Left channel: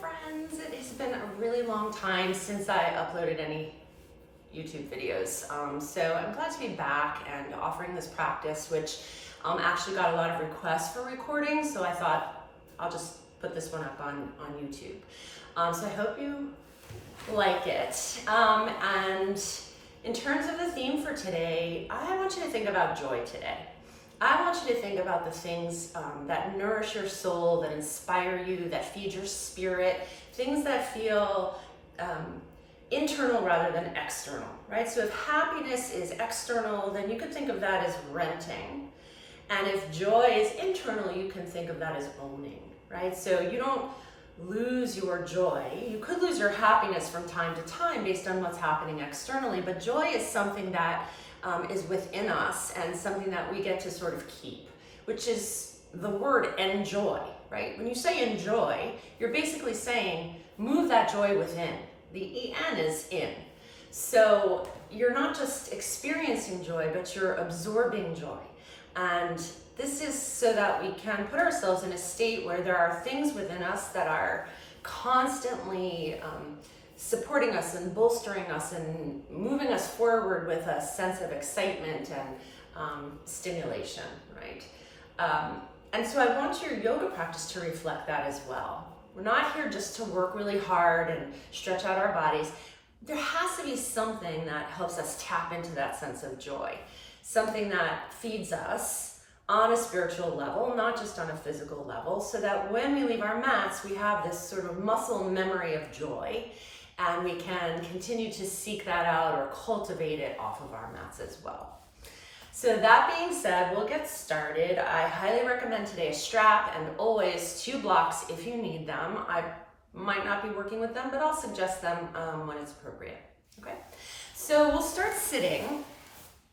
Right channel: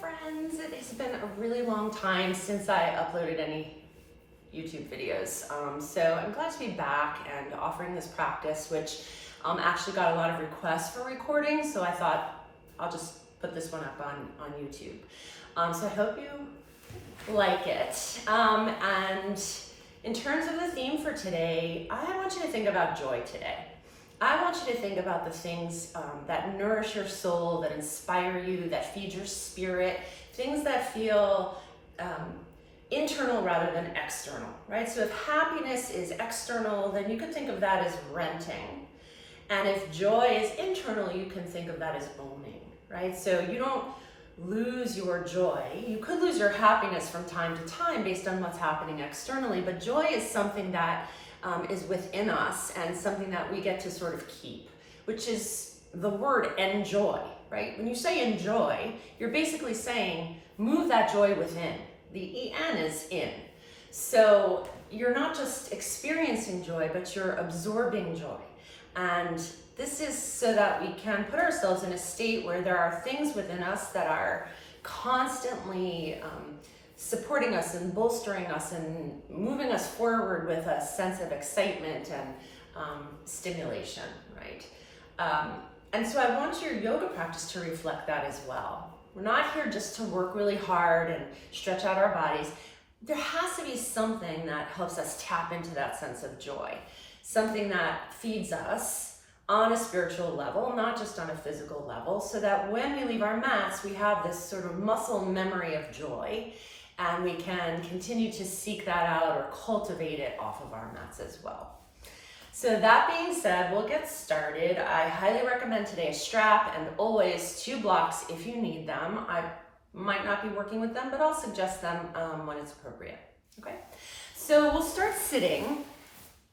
friends. It has been a really long time since I uploaded any YouTube videos. So I'm glad to be back and offering this practice, which actually got a lot of requests for recording. So I thought I'll just put this one up on YouTube. So I hope you like it. And in terms of the theme for today, I want you to think about joy today. I want you to think about the things that nourish your soul, that inspire you, that feed your spirit, things that feel internal rather than external, right? So if happiness is external, then you could think of that as renting. And if joy is internal, you can think of that as owning, right? So you don't lose your joy. You could lose your happiness from time to time based on what's happening externally, but joy is something that is within us and something that we get to sort of keep, which is the word enjoy, right? When you say enjoy, you're basically saying move that joy within. The en is in. So you're not just experiencing joy, but you're absorbing joy. And this is so that we can put ourselves in a state where there are things within us that are constantly supporting us and bolstering us and moving us forward with a sense of excitement and stimulation, right? And so I want your yoga practice to reflect that as well. We're not here just to work really hard and stretch out our bodies. There has to be something that helps us tap into that sense of joy, something that feeds us on a spiritual level, not just on a physical level, so that when we leave our mats, we have this sort of muscle memory of joy, and we can continue to seek that out or cultivate it off of our mats as well. So that being said, we'll get started. I highly recommend today a strap and always 2 blocks if you need them. I might not be working with them, but I'll suggest them when it's appropriate, okay? So we'll start sitting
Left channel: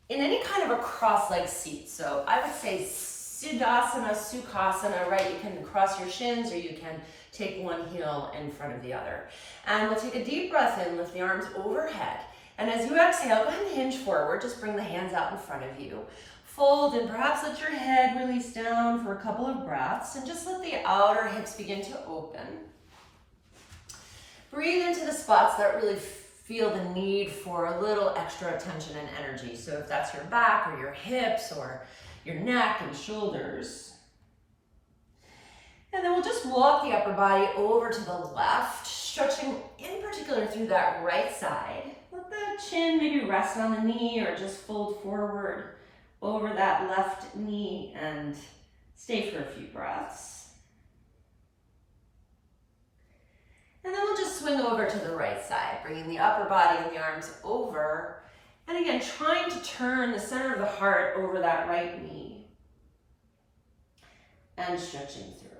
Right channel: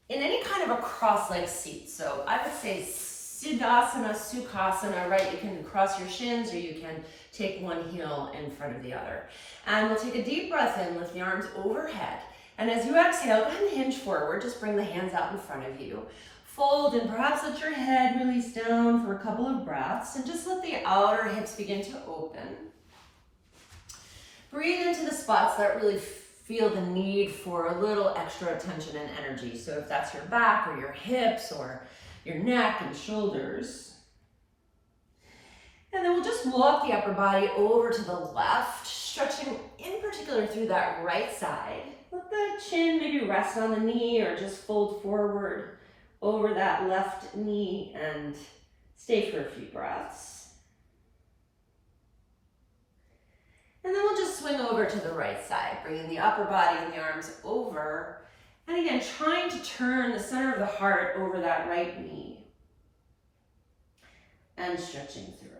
in any kind of a cross-legged seat. So I would say Siddhasana, Sukhasana, right? You can cross your shins or you can take one heel in front of the other. And we'll take a deep breath in, lift the arms overhead. And as you exhale, go ahead and hinge forward. Just bring the hands out in front of you. Fold and perhaps let your head release down for a couple of breaths and just let the outer hips begin to open. Breathe into the spots that really feel the need for a little extra attention and energy. So if that's your back or your hips or your neck and shoulders. And then we'll just walk the upper body over to the left, stretching in particular through that right side. Let the chin maybe rest on the knee or just fold forward over that left knee and stay for a few breaths. And then we'll just swing over to the right side, bringing the upper body and the arms over. And again, trying to turn the center of the heart over that right knee. And stretching through.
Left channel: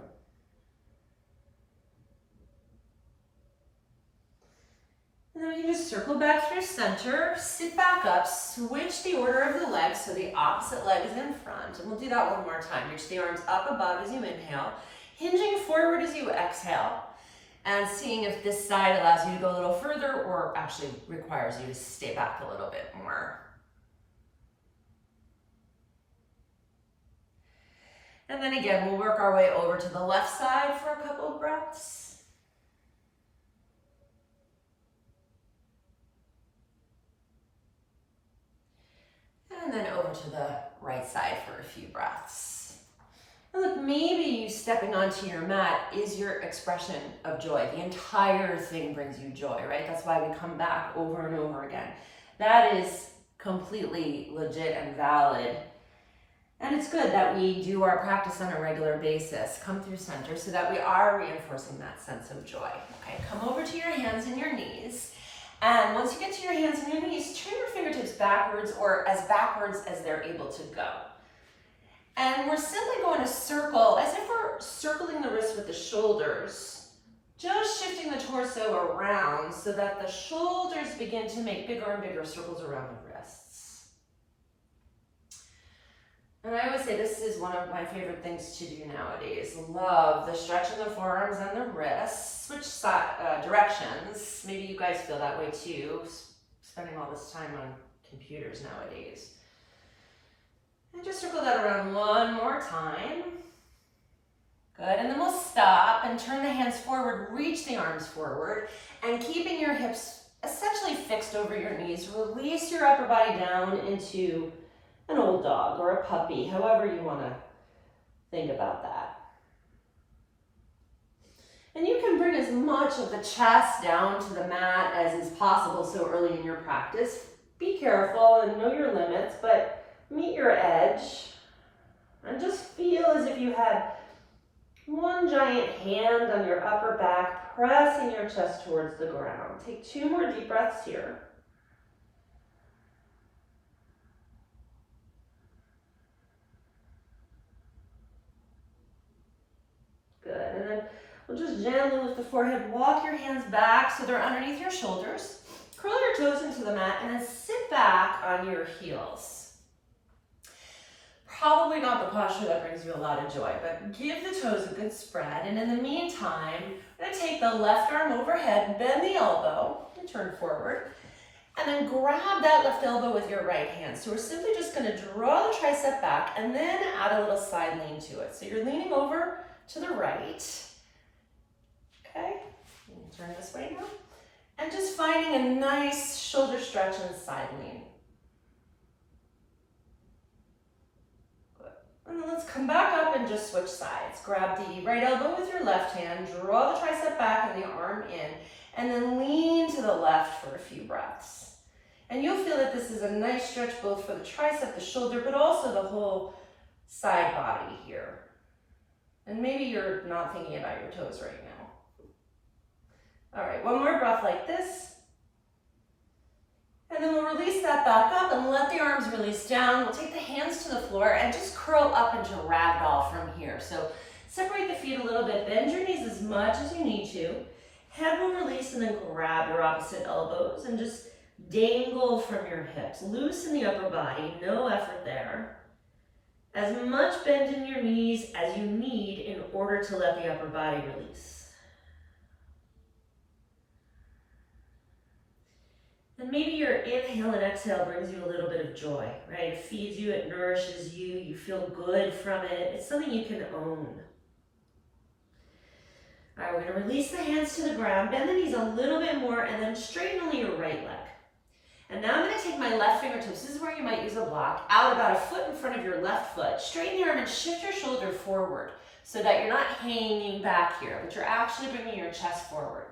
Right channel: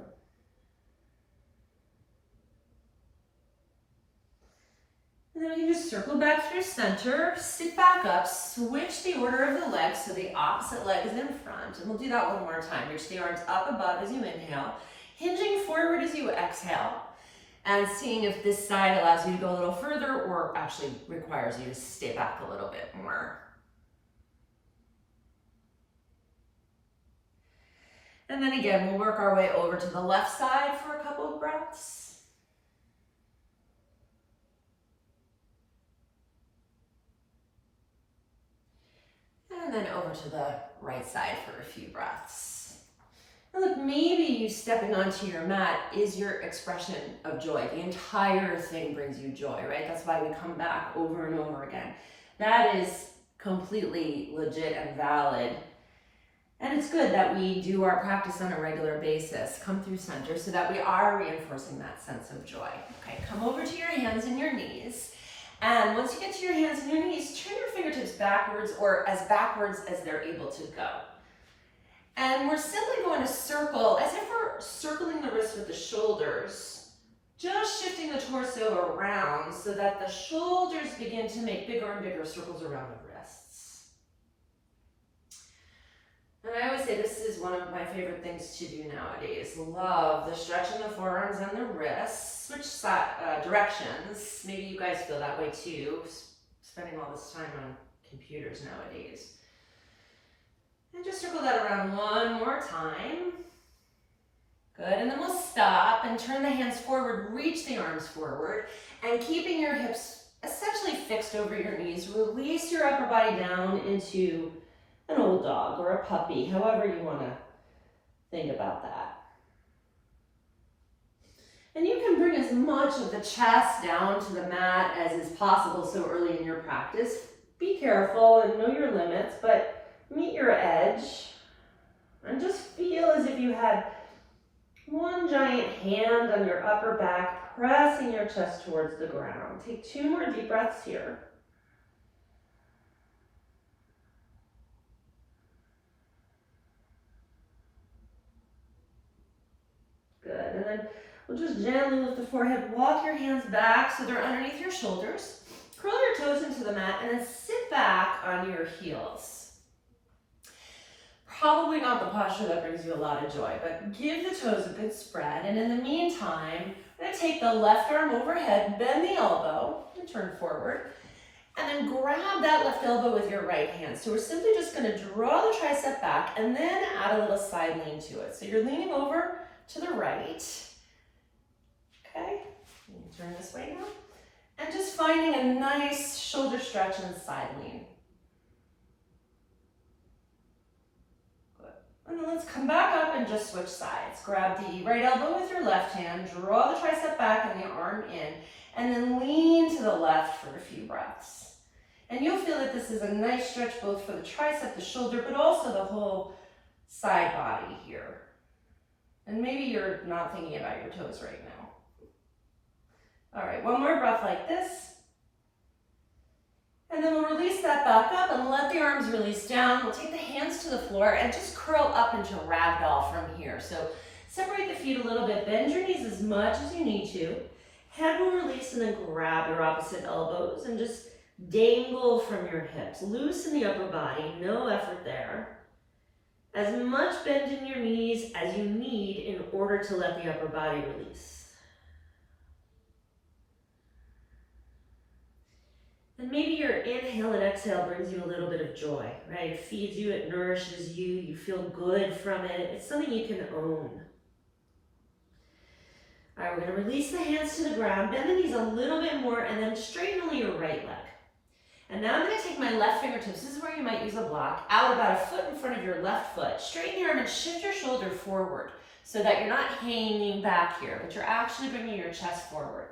And then we can just circle back through center, sit back up, switch the order of the legs so the opposite leg is in front. And we'll do that one more time. Reach the arms up above as you inhale, hinging forward as you exhale, and seeing if this side allows you to go a little further or actually requires you to stay back a little bit more. And then again, we'll work our way over to the left side for a couple of breaths. And then over to the right side for a few breaths. And look, maybe you stepping onto your mat is your expression of joy. The entire thing brings you joy, right? That's why we come back over and over again. That is completely legit and valid. And it's good that we do our practice on a regular basis, come through center so that we are reinforcing that sense of joy. Okay, come over to your hands and your knees. And once you get to your hands and your knees, turn your fingertips backwards or as backwards as they're able to go. And we're simply going to circle, as if we're circling the wrists with the shoulders, just shifting the torso around so that the shoulders begin to make bigger and bigger circles around the wrists. And I always say this is one of my favorite things to do nowadays. Love the stretch in the forearms and the wrists. Switch directions. Maybe you guys feel that way too, spending all this time on computers nowadays. And just circle that around one more time. Good, and then we'll stop and turn the hands forward, reach the arms forward, and keeping your hips essentially fixed over your knees, release your upper body down into an old dog or a puppy, however you want to think about that. And you can bring as much of the chest down to the mat as is possible so early in your practice. Be careful and know your limits, but meet your edge and just feel as if you had one giant hand on your upper back, pressing your chest towards the ground. Take 2 more deep breaths here. Good, and then we'll just gently lift the forehead, walk your hands back so they're underneath your shoulders. Curl your toes into the mat and then sit back on your heels. Probably not the posture that brings you a lot of joy, but give the toes a good spread. And in the meantime, I'm going to take the left arm overhead, bend the elbow, and turn forward. And then grab that left elbow with your right hand. So we're simply just going to draw the tricep back and then add a little side lean to it. So you're leaning over to the right. Okay, turn this way now. And just finding a nice shoulder stretch and side lean. And then let's come back up and just switch sides. Grab the right elbow with your left hand, draw the tricep back and the arm in, and then lean to the left for a few breaths. And you'll feel that this is a nice stretch both for the tricep, the shoulder, but also the whole side body here. And maybe you're not thinking about your toes right now. All right, one more breath like this. And then we'll release that back up and let the arms release down. We'll take the hands to the floor and just curl up into ragdoll from here. So separate the feet a little bit, bend your knees as much as you need to. Head will release and then grab your opposite elbows and just dangle from your hips. Loosen the upper body, no effort there. As much bend in your knees as you need in order to let the upper body release. And maybe your inhale and exhale brings you a little bit of joy, right? It feeds you, it nourishes you, you feel good from it. It's something you can own. All right, we're gonna release the hands to the ground, bend the knees a little bit more, and then straighten only your right leg. And now I'm gonna take my left fingertips, this is where you might use a block, out about a foot in front of your left foot. Straighten the arm and shift your shoulder forward so that you're not hanging back here, but you're actually bringing your chest forward.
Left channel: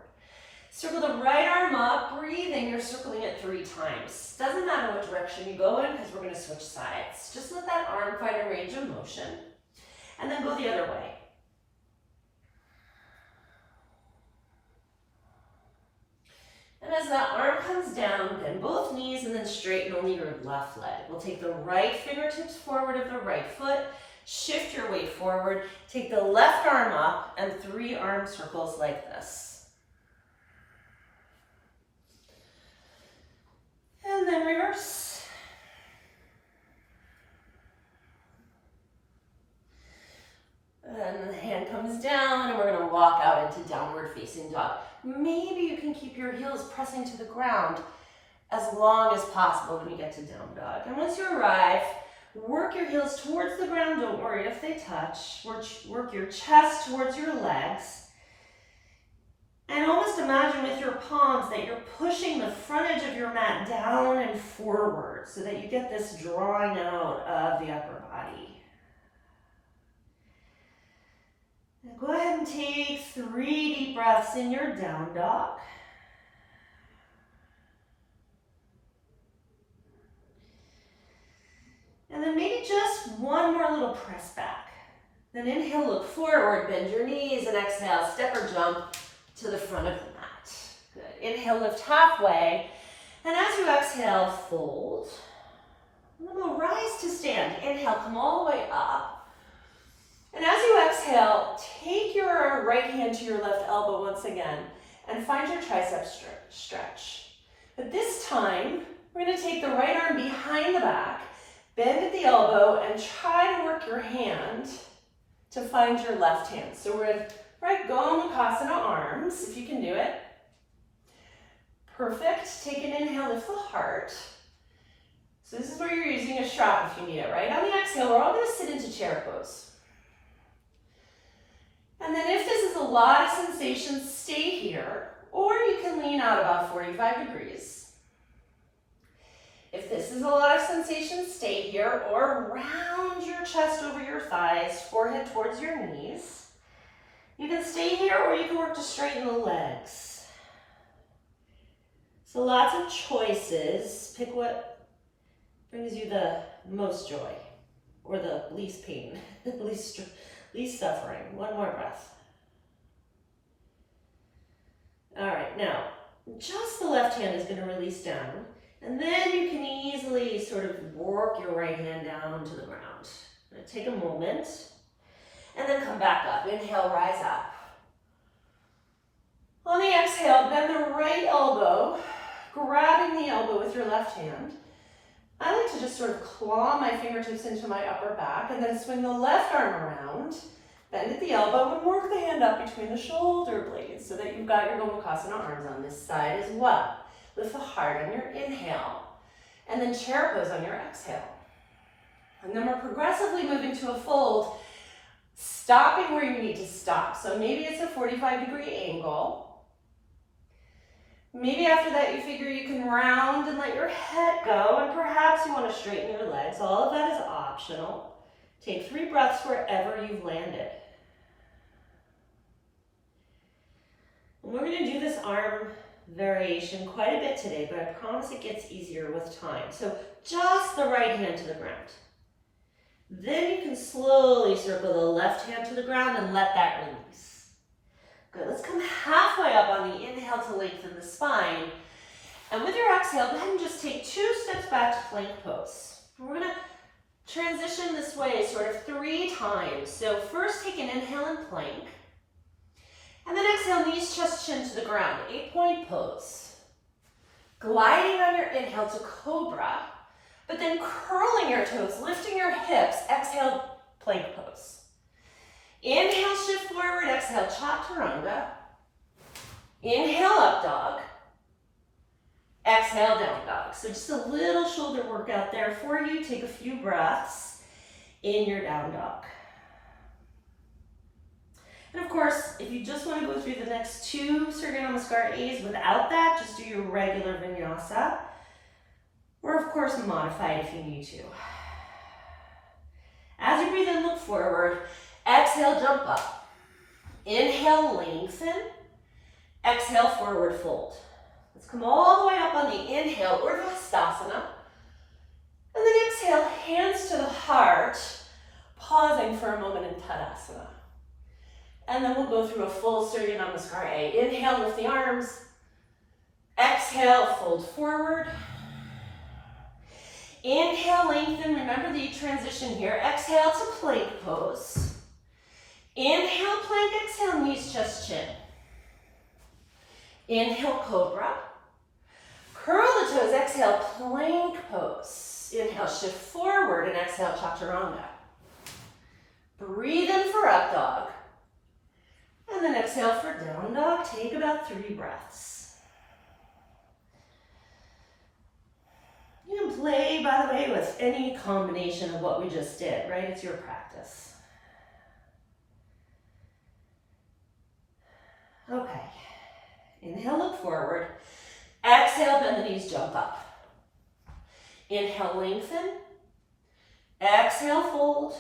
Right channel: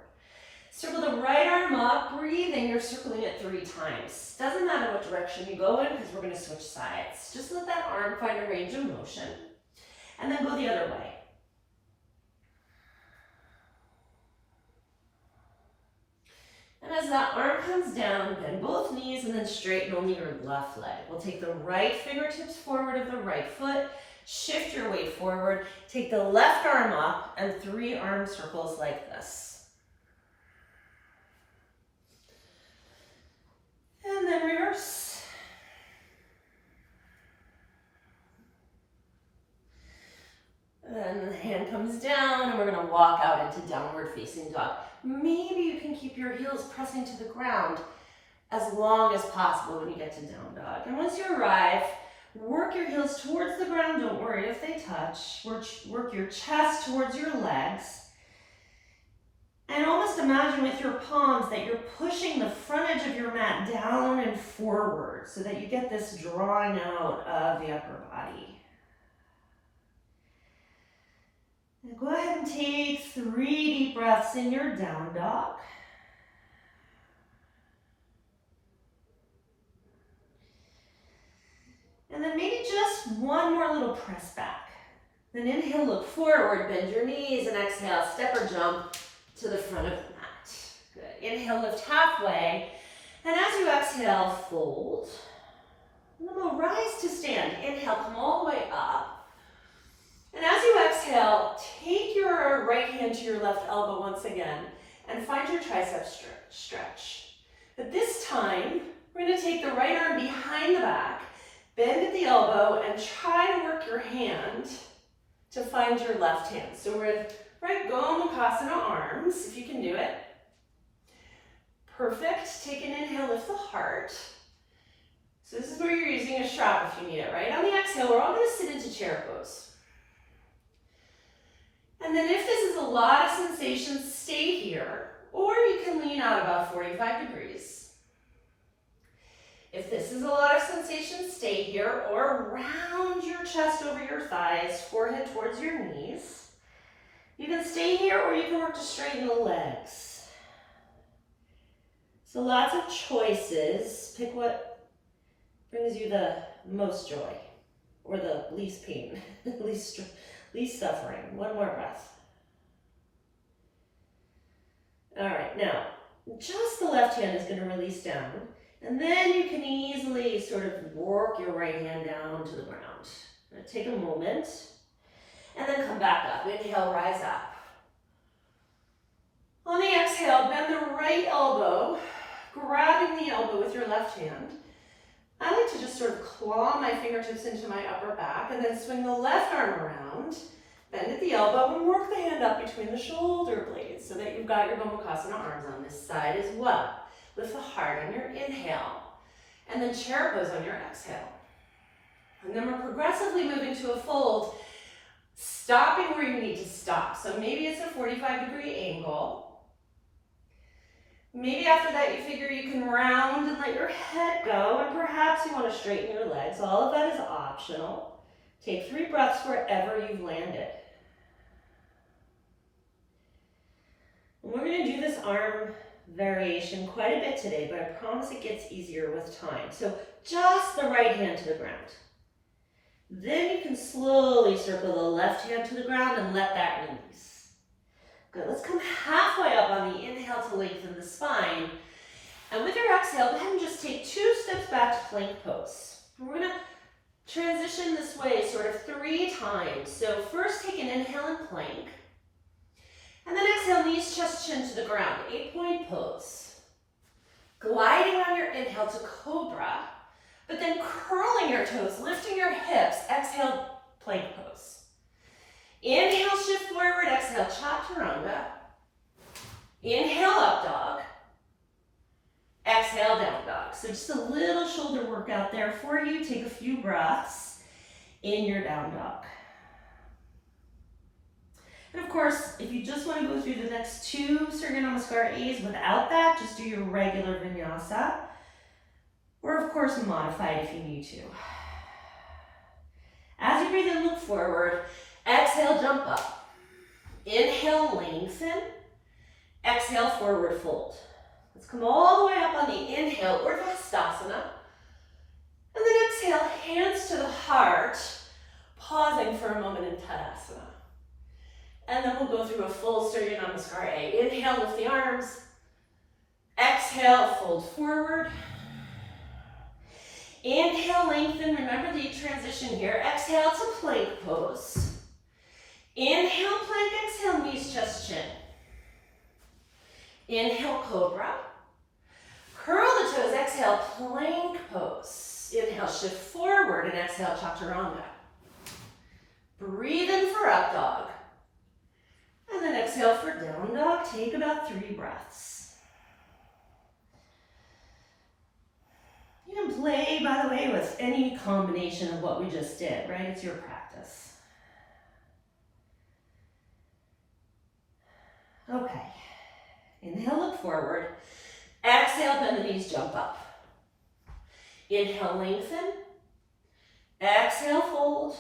Circle the right arm up, breathing, you're circling it 3 times. Doesn't matter what direction you go in because we're gonna switch sides. Just let that arm find a range of motion and then go the other way. And as that arm comes down, bend both knees and then straighten only your left leg. We'll take the right fingertips forward of the right foot, shift your weight forward, take the left arm up and 3 arm circles like this. And then reverse. And the hand comes down and we're gonna walk out into downward facing dog. Maybe you can keep your heels pressing to the ground as long as possible when you get to down dog. And once you arrive, work your heels towards the ground. Don't worry if they touch. Work your chest towards your legs. And almost imagine with your palms that you're pushing the front edge of your mat down and forward so that you get this drawing out of the upper body. And go ahead and take 3 deep breaths in your down dog. And then maybe just one more little press back. Then inhale, look forward, bend your knees, and exhale, step or jump to the front of the mat. Good. Inhale, lift halfway. And as you exhale, fold. And then we'll rise to stand. Inhale, come all the way up. And as you exhale, take your right hand to your left elbow once again and find your tricep stretch. But this time, we're going to take the right arm behind the back, bend at the elbow, and try to work your hand to find your left hand. So we're in right Gomukhasana arms, if you can do it. Perfect. Take an inhale, lift the heart. So this is where you're using a strap if you need it, right? On the exhale, we're all going to sit into chair pose. And then if this is a lot of sensation, stay here, or you can lean out about 45 degrees. If this is a lot of sensation, stay here, or round your chest over your thighs, forehead towards your knees. You can stay here, or you can work to straighten the legs. So lots of choices. Pick what brings you the most joy, or the least pain, least suffering. One more breath. All right, now, just the left hand is going to release down, and then you can easily sort of work your right hand down to the ground. Take a moment, and then come back up. Inhale, rise up. On the exhale, bend the right elbow, grabbing the elbow with your left hand. I like to just sort of claw my fingertips into my upper back, and then swing the left arm around, bend at the elbow, and work the hand up between the shoulder blades so that you've got your Gomukhasana arms on this side as well. Lift the heart on your inhale, and then chair pose on your exhale. And then we're progressively moving to a fold, stopping where you need to stop. So maybe it's a 45-degree angle. Maybe after that you figure you can round and let your head go, and perhaps you want to straighten your legs. All of that is optional. Take 3 breaths wherever you've landed. And we're going to do this arm variation quite a bit today, but I promise it gets easier with time. So just the right hand to the ground. Then you can slowly circle the left hand to the ground and let that release. Good, let's come halfway up on the inhale to lengthen the spine. And with your exhale, go ahead and just take 2 steps back to plank pose. And we're gonna transition this way sort of 3 times. So first take an inhale and plank. And then exhale, knees, chest, chin to the ground, 8-point pose. Gliding on your inhale to cobra, but then curling your toes, lifting your hips, exhale, plank pose. Inhale, shift forward, exhale, Chaturanga. Inhale, up dog. Exhale, down dog. So just a little shoulder workout there for you. Take a few breaths in your down dog. And of course, if you just want to go through the next 2 Surya Namaskar A's without that, just do your regular vinyasa. Or of course, modify it if you need to. As you breathe in, look forward. Exhale, jump up. Inhale, lengthen. Exhale, forward fold. Let's come all the way up on the inhale, Ardha Hastasana. And then exhale, hands to the heart, pausing for a moment in Tadasana. And then we'll go through a full Surya Namaskar A. Inhale, lift the arms. Exhale, fold forward. Inhale, lengthen. Remember the transition here. Exhale to plank pose. Inhale, plank. Exhale, knees, chest, chin. Inhale, cobra. Curl the toes. Exhale, plank pose. Inhale, shift forward, and exhale, Chaturanga. Breathe in for up dog. And then exhale for down dog. Take about 3 breaths. You can play, by the way, with any combination of what we just did, right? It's your practice. Okay. Inhale, look forward. Exhale, bend the knees, jump up. Inhale, lengthen. Exhale, fold.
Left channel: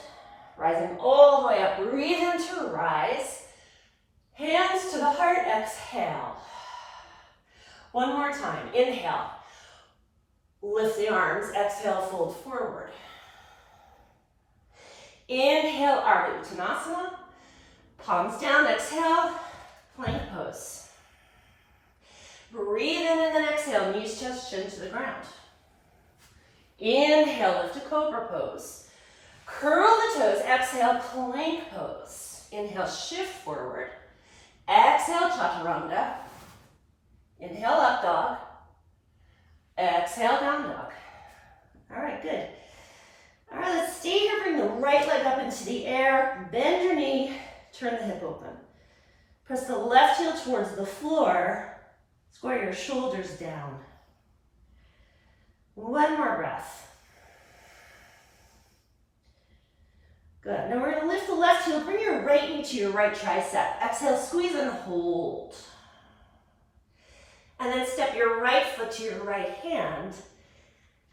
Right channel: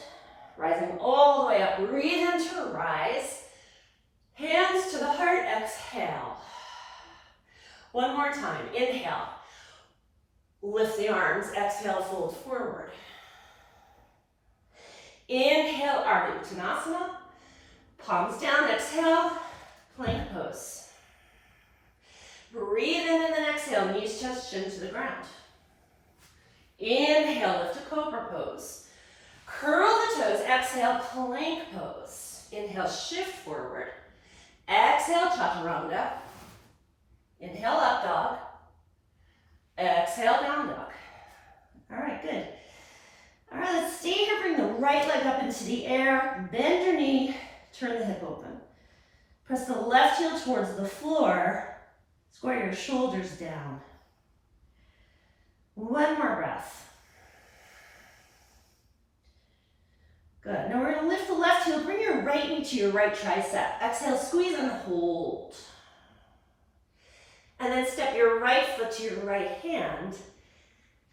Rising all the way up. Breathe into rise. Hands to the heart, exhale. One more time. Inhale. Lift the arms. Exhale, fold forward. Inhale, Ardha Uttanasana. Palms down, exhale, plank pose. Breathe in and then exhale, knees, chest, chin to the ground. Inhale, lift to cobra pose. Curl the toes, exhale, plank pose. Inhale, shift forward. Exhale, Chaturanga. Inhale, up dog. Exhale, down dog. All right, good. All right, let's stay here. Bring the right leg up into the air. Bend your knee. Turn the hip open. Press the left heel towards the floor. Square your shoulders down. One more breath. Good. Now we're going to lift the left heel, bring your right knee to your right tricep. Exhale, squeeze and hold. And then step your right foot to your right hand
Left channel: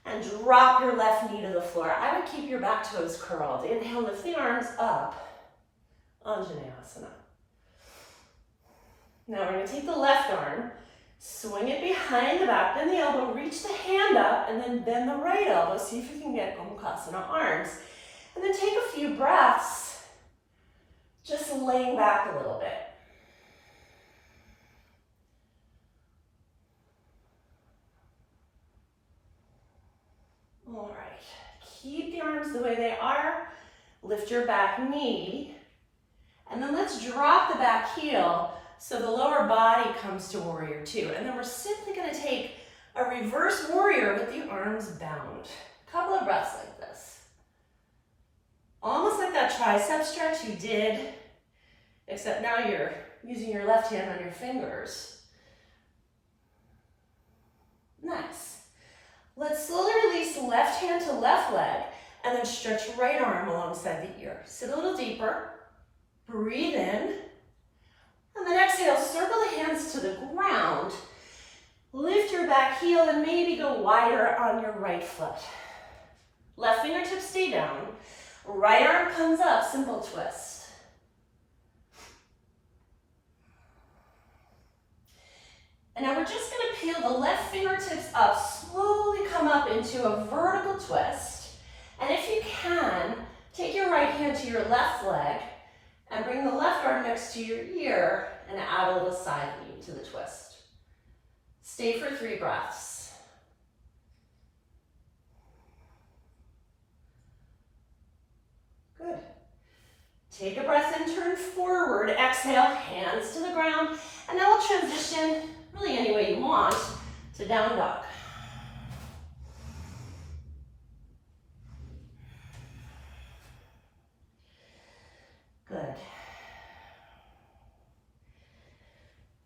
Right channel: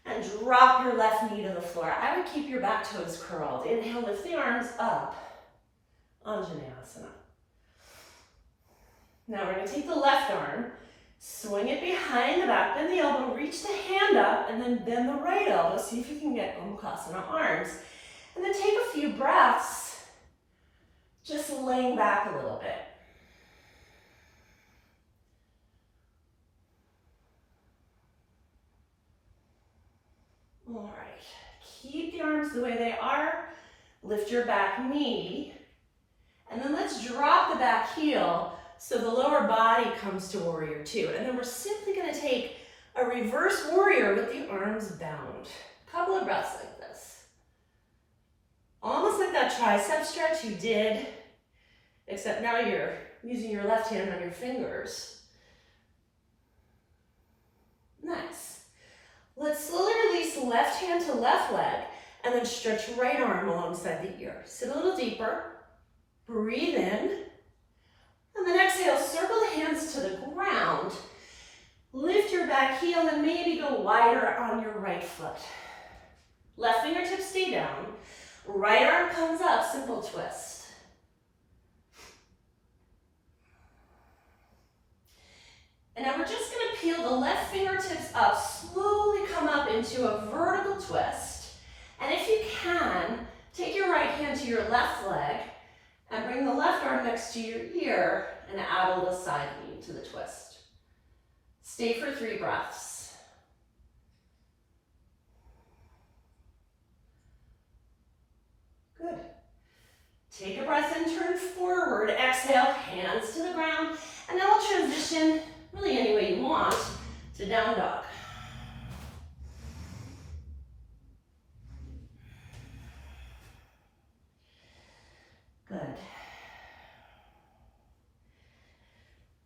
and drop your left knee to the floor. I would keep your back toes curled. Inhale, lift the arms up. Anjaneyasana. Now we're going to take the left arm, swing it behind the back, bend the elbow, reach the hand up, and then bend the right elbow. See if you can get Gomukhasana arms. And then take a few breaths, just laying back a little bit. All right, keep the arms the way they are. Lift your back knee. And then let's drop the back heel so the lower body comes to warrior two. And then we're simply gonna take a reverse warrior with the arms bound. A couple of breaths like this. Almost like that tricep stretch you did, except now you're using your left hand on your fingers. Nice. Let's slowly release left hand to left leg and then stretch right arm alongside the ear. Sit a little deeper, breathe in, and then exhale, circle the hands to the ground. Lift your back heel and maybe go wider on your right foot. Left fingertips stay down. Right arm comes up, simple twist. And now we're just going to peel the left fingertips up, slowly come up into a vertical twist. And if you can, take your right hand to your left leg and bring the left arm next to your ear and add a little side lean to the twist. Stay for 3 breaths. Good. Take a breath in, turn forward, exhale, hands to the ground, and now we'll transition, really any way you want, to down dog. Good.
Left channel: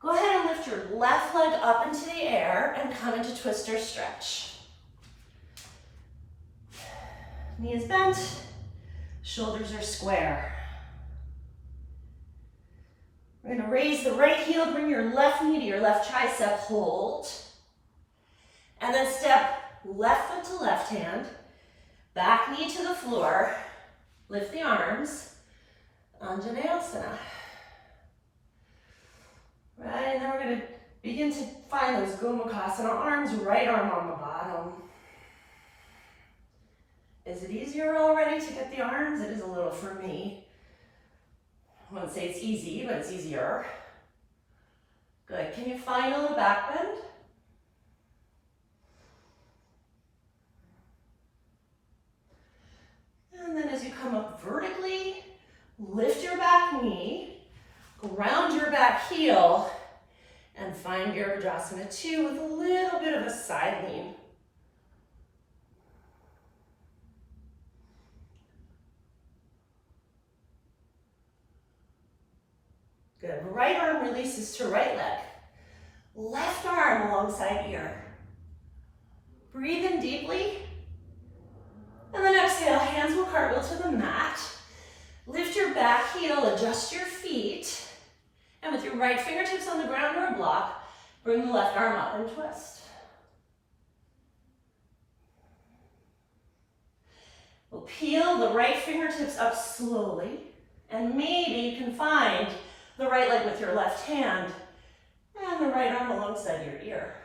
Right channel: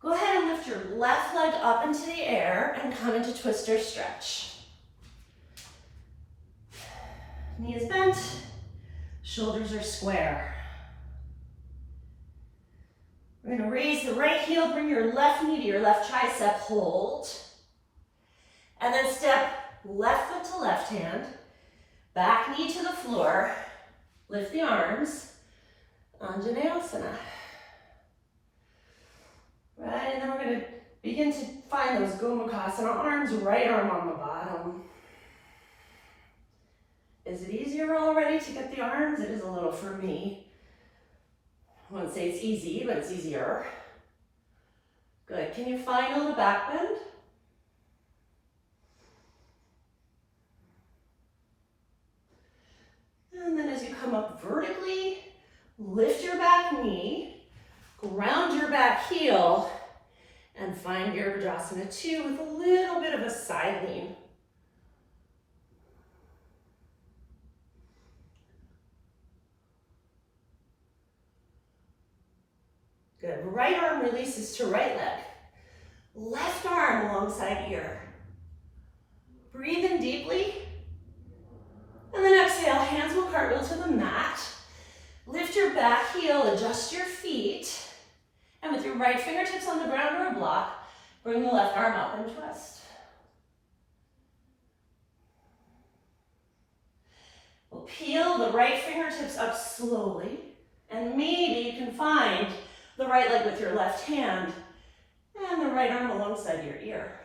Go ahead and lift your left leg up into the air and come into twister stretch. Knee is bent. Shoulders are square. We're going to raise the right heel, bring your left knee to your left tricep, hold. And then step left foot to left hand, back knee to the floor, lift the arms, Anjaneyasana. Right, and then we're going to begin to find those Gomukhasana arms, right arm on the bottom. Is it easier already to get the arms? It is a little for me. I wouldn't say it's easy, but it's easier. Good. Can you find a little back bend? And then as you come up vertically, lift your back knee, ground your back heel, and find Virabhadrasana 2 with a little bit of a side lean. Good. Right arm releases to right leg. Left arm alongside ear. Breathe in deeply. And then exhale, hands will cartwheel to the mat. Lift your back heel, adjust your feet. And with your right fingertips on the ground or a block, bring the left arm up and twist. We'll peel the right fingertips up slowly. And maybe you can find the right leg with your left hand and the right arm alongside your ear.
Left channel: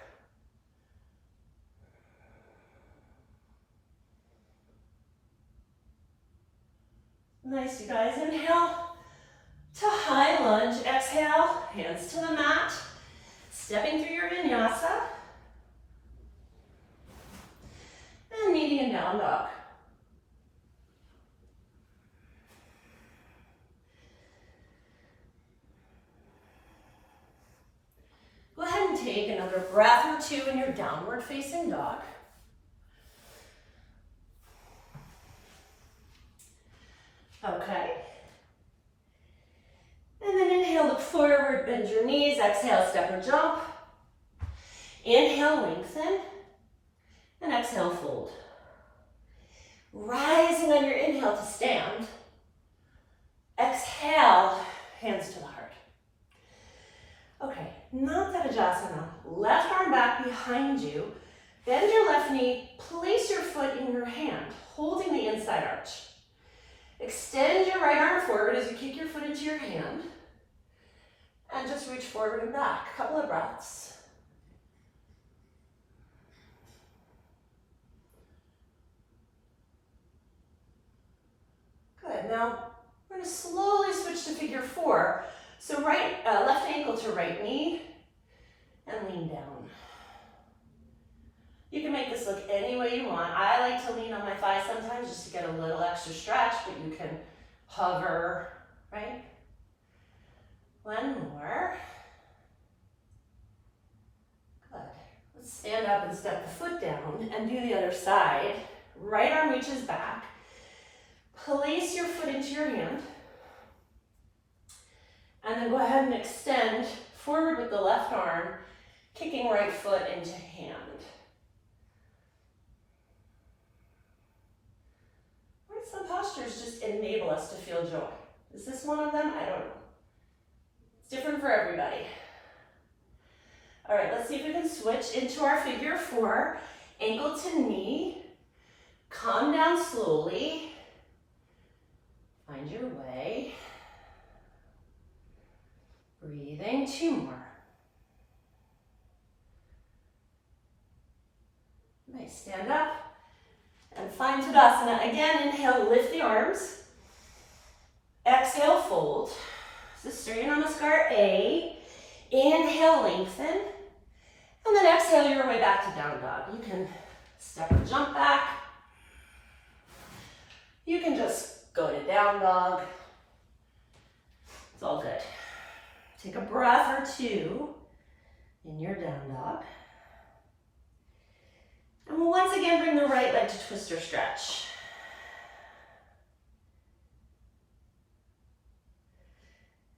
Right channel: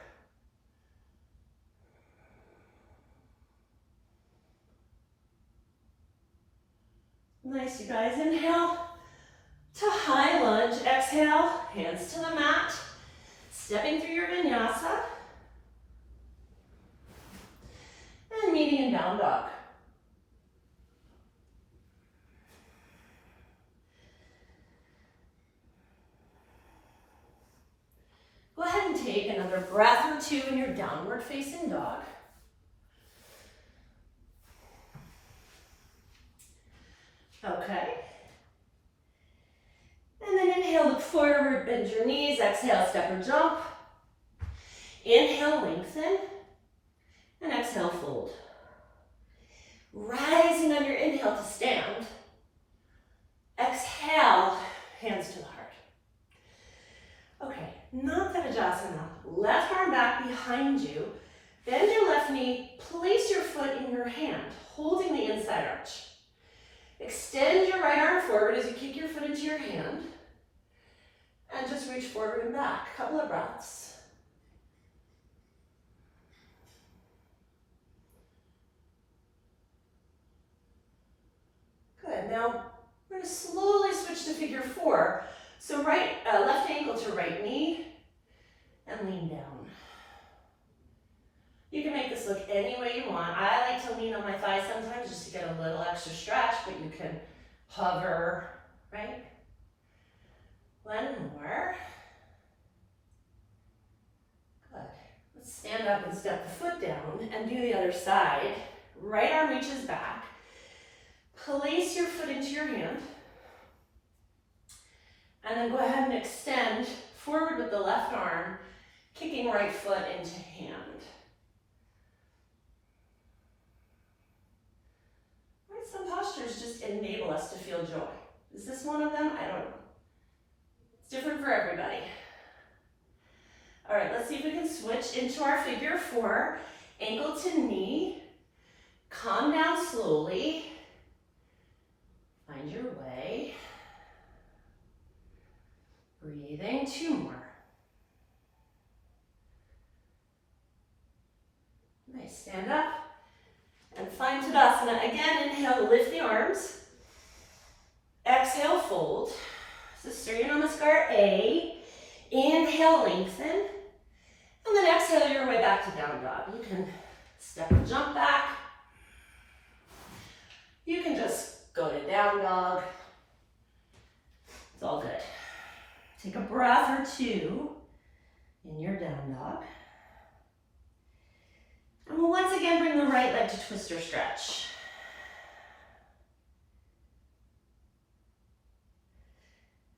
Nice, you guys. Inhale to high lunge. Exhale, hands to the mat. Stepping through your vinyasa. And median down dog. Go ahead and take another breath or two in your downward facing dog. Okay. And then inhale, look forward, bend your knees. Exhale, step or jump. Inhale, lengthen. And exhale, fold. Rising on your inhale to stand. Exhale, hands to the heart. Okay, Untitled. Left arm back behind you. Bend your left knee, place your foot in your hand, holding the inside arch. Extend your right arm forward as you kick your foot into your hand. And just reach forward and back. Couple of breaths. Good. Now we're going to slowly switch to figure four. So left ankle to right knee and lean down. You can make this look any way you want. I like to lean on my thigh sometimes just to get a little extra stretch, but you can hover, right? One more. Good. Let's stand up and step the foot down and do the other side. Right arm reaches back. Place your foot into your hand. And then go ahead and extend forward with the left arm, kicking right foot into hand. Right, some postures just enable us to feel joy. Is this one of them? I don't know. It's different for everybody. All right, let's see if we can switch into our figure four. Ankle to knee. Calm down slowly. Find your way. Breathing, two more. Nice, stand up and find Tadasana. Again, inhale, lift the arms. Exhale, fold. So Surya Namaskar A. Inhale, lengthen. And then exhale your way back to down dog. You can step or jump back. You can just go to down dog. It's all good. Take a breath or two in your down dog. And we'll once again bring the right leg to twist or stretch.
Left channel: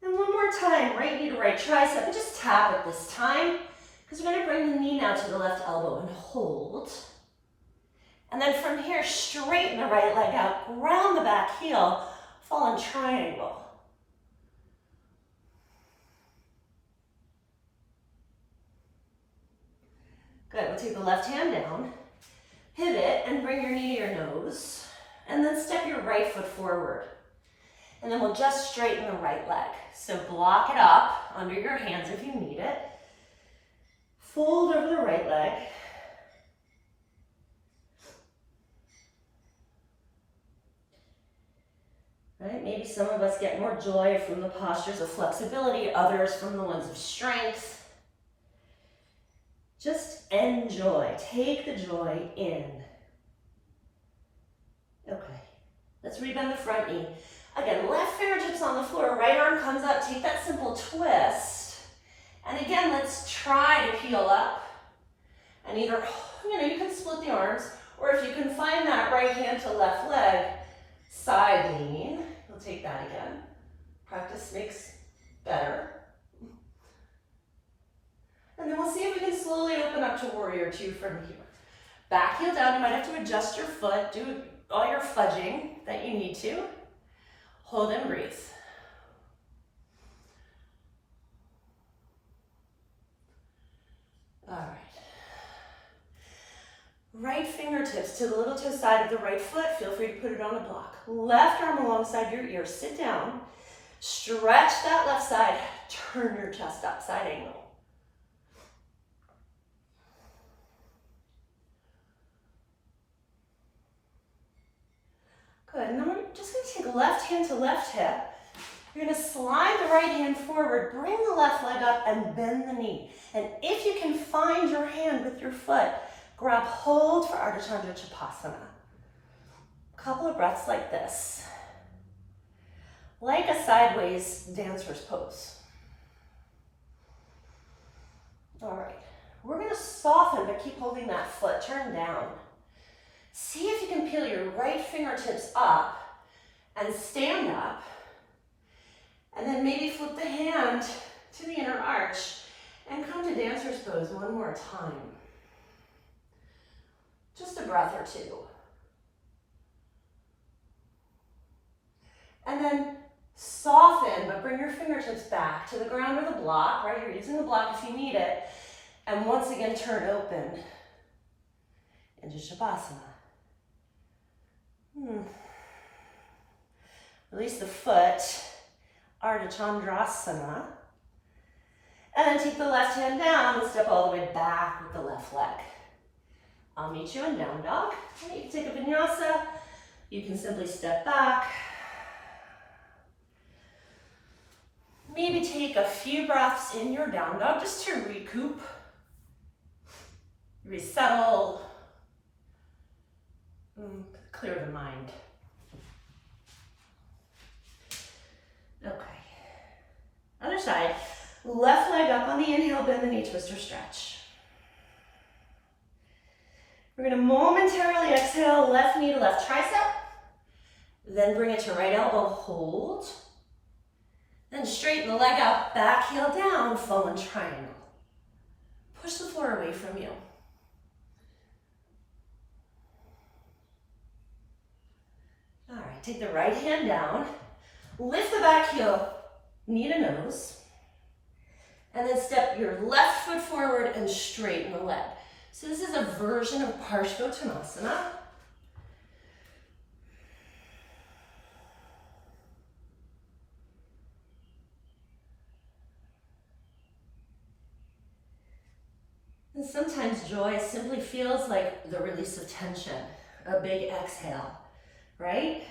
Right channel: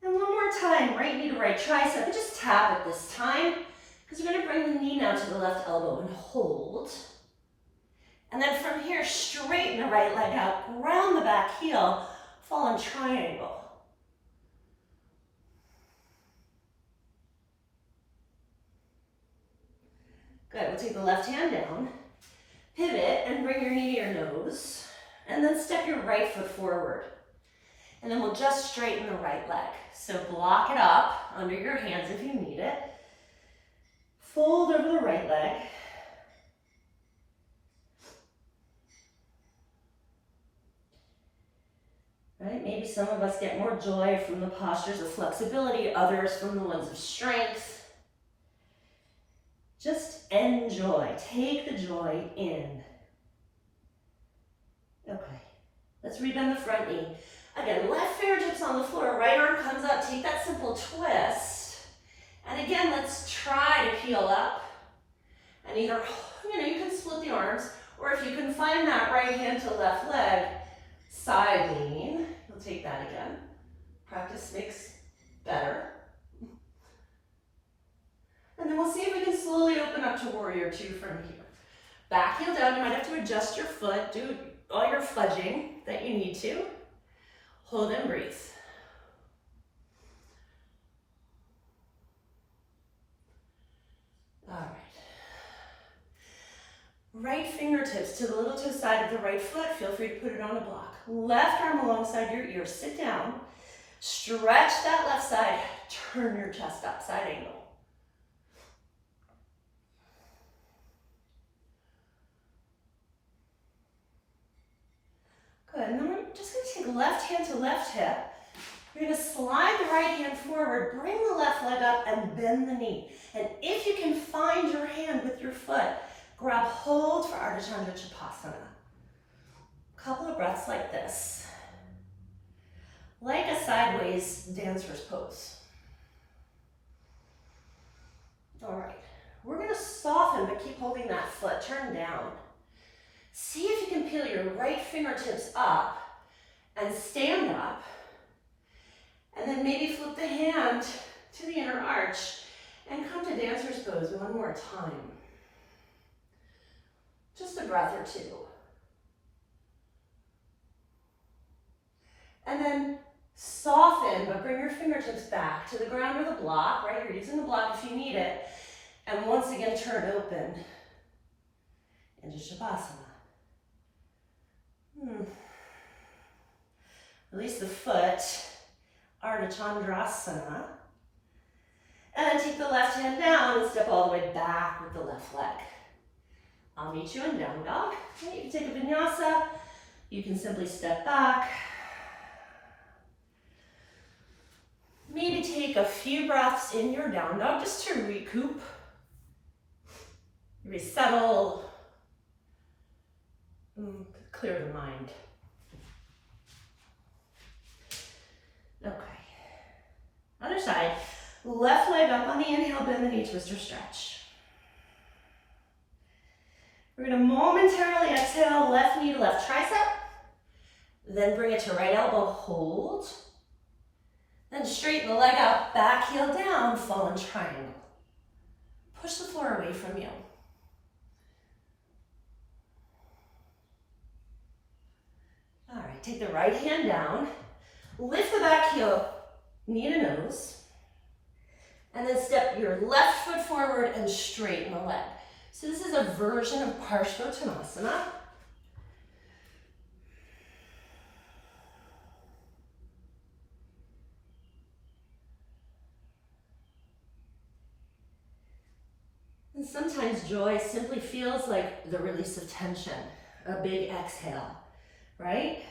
And one more time, right knee to right tricep, and just tap it this time, because we're going to bring the knee now to the left elbow and hold. And then from here, straighten the right leg out, ground the back heel, fall in triangle. Good, we'll take the left hand down, pivot, and bring your knee to your nose, and then step your right foot forward. And then we'll just straighten the right leg. So block it up under your hands if you need it. Fold over the right leg. Right, maybe some of us get more joy from the postures of flexibility, others from the ones of strength. Just enjoy, take the joy in. Okay, let's rebend the front knee. Again, left fingertips on the floor, right arm comes up, take that simple twist. And again, let's try to peel up. And either, you can split the arms, or if you can find that right hand to left leg, side lean. We'll take that again. Practice makes better. And then we'll see if we can slowly open up to warrior two from here. Back heel down, you might have to adjust your foot, do all your fudging that you need to. Hold and breathe. All right. Right fingertips to the little toe side of the right foot. Feel free to put it on the block. Left arm alongside your ear. Sit down. Stretch that left side. Turn your chest up, side angle. Good, and then we're just going to take left hand to left hip. You're going to slide the right hand forward, bring the left leg up, and bend the knee. And if you can find your hand with your foot, grab hold for Ardha Chandra Chapasana. A couple of breaths like this. Like a sideways dancer's pose. All right, we're going to soften, but keep holding that foot, turn down. See if you can peel your right fingertips up and stand up. And then maybe flip the hand to the inner arch and come to dancer's pose one more time. Just a breath or two. And then Soften, but bring your fingertips back to the ground or the block, right? You're using the block if you need it. And once again, turn open into Chapasana. Release the foot, Ardha Chandrasana. And then take the left hand down and step all the way back with the left leg. I'll meet you in down dog. You can take a vinyasa. You can simply step back. Maybe take a few breaths in your down dog just to recoup, resettle, clear the mind. Okay. Other side. Left leg up on the inhale, bend the knee, twist or stretch. We're going to momentarily exhale, left knee to left tricep. Then bring it to right elbow, hold. Then straighten the leg out, back heel down, fallen triangle. Push the floor away from you. All right, take the right hand down, lift the back heel, knee to nose, and then step your left foot forward and straighten the leg. So this is a version of Parshvottanasana. And sometimes joy simply feels like the release of tension, a big exhale, right?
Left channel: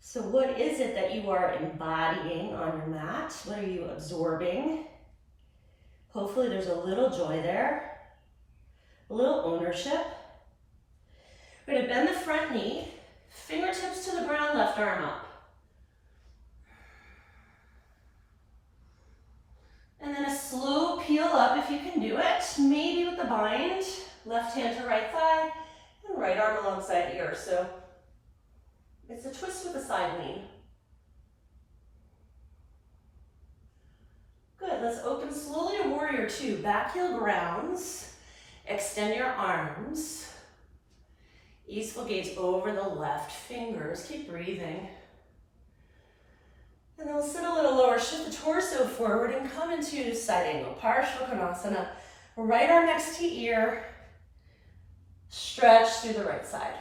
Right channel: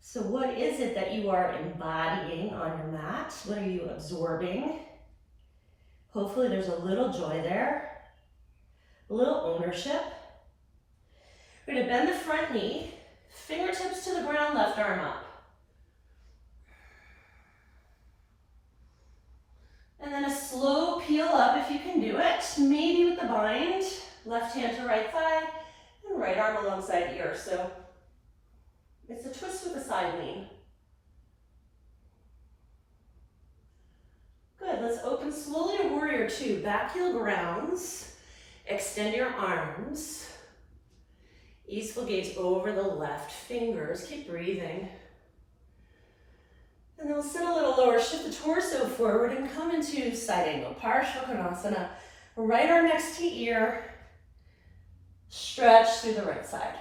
So what is it that you are embodying on your mat? What are you absorbing? Hopefully there's a little joy there, a little ownership. We're going to bend the front knee, fingertips to the ground, left arm up. And then a slow peel up if you can do it, maybe with the bind, left hand to right thigh, and right arm alongside ear. So it's a twist with a side lean. Good, let's open slowly to warrior two. Back heel grounds, extend your arms. Easeful gaze over the left fingers, keep breathing. And then we'll sit a little lower, shift the torso forward and come into side angle, Parshvottanasana. Right arm next to ear, stretch through the right side.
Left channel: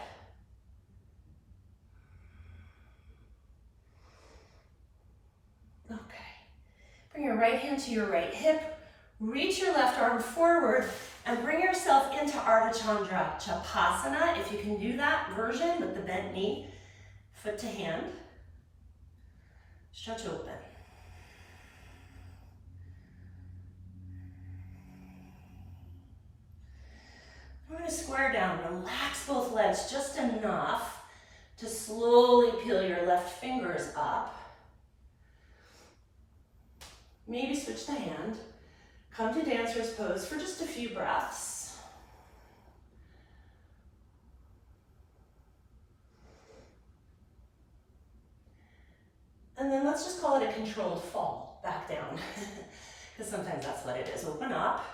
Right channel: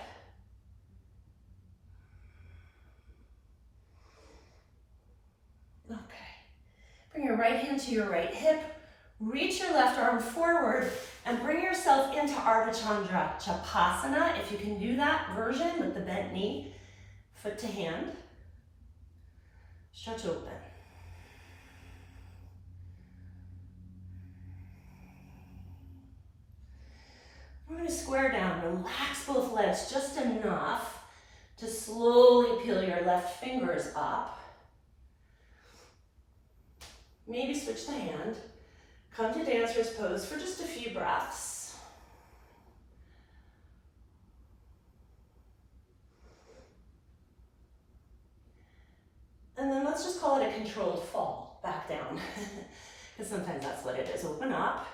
Okay. Bring your right hand to your right hip, reach your left arm forward, and bring yourself into Ardha Chandra, Chapasana, if you can do that version with the bent knee, foot to hand. Stretch open. We're going to square down, relax both legs just enough to slowly peel your left fingers up. Maybe switch the hand. Come to dancer's pose for just a few breaths. And then let's just call it a controlled fall, back down. Because sometimes that's what it is. Open up.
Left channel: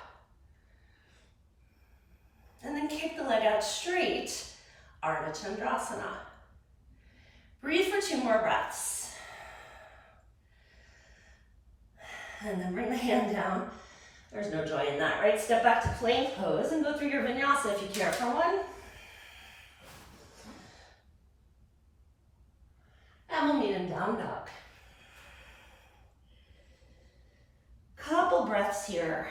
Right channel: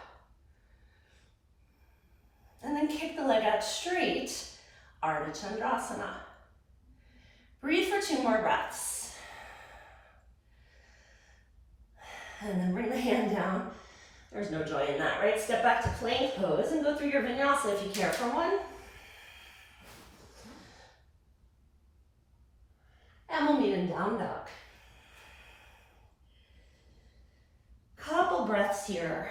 And then kick the leg out straight, Ardha Chandrasana. Breathe for 2 more breaths. And then bring the hand down. There's no joy in that, right? Step back to plank pose and go through your vinyasa if you care for one. And we'll meet in down dog. Couple breaths here.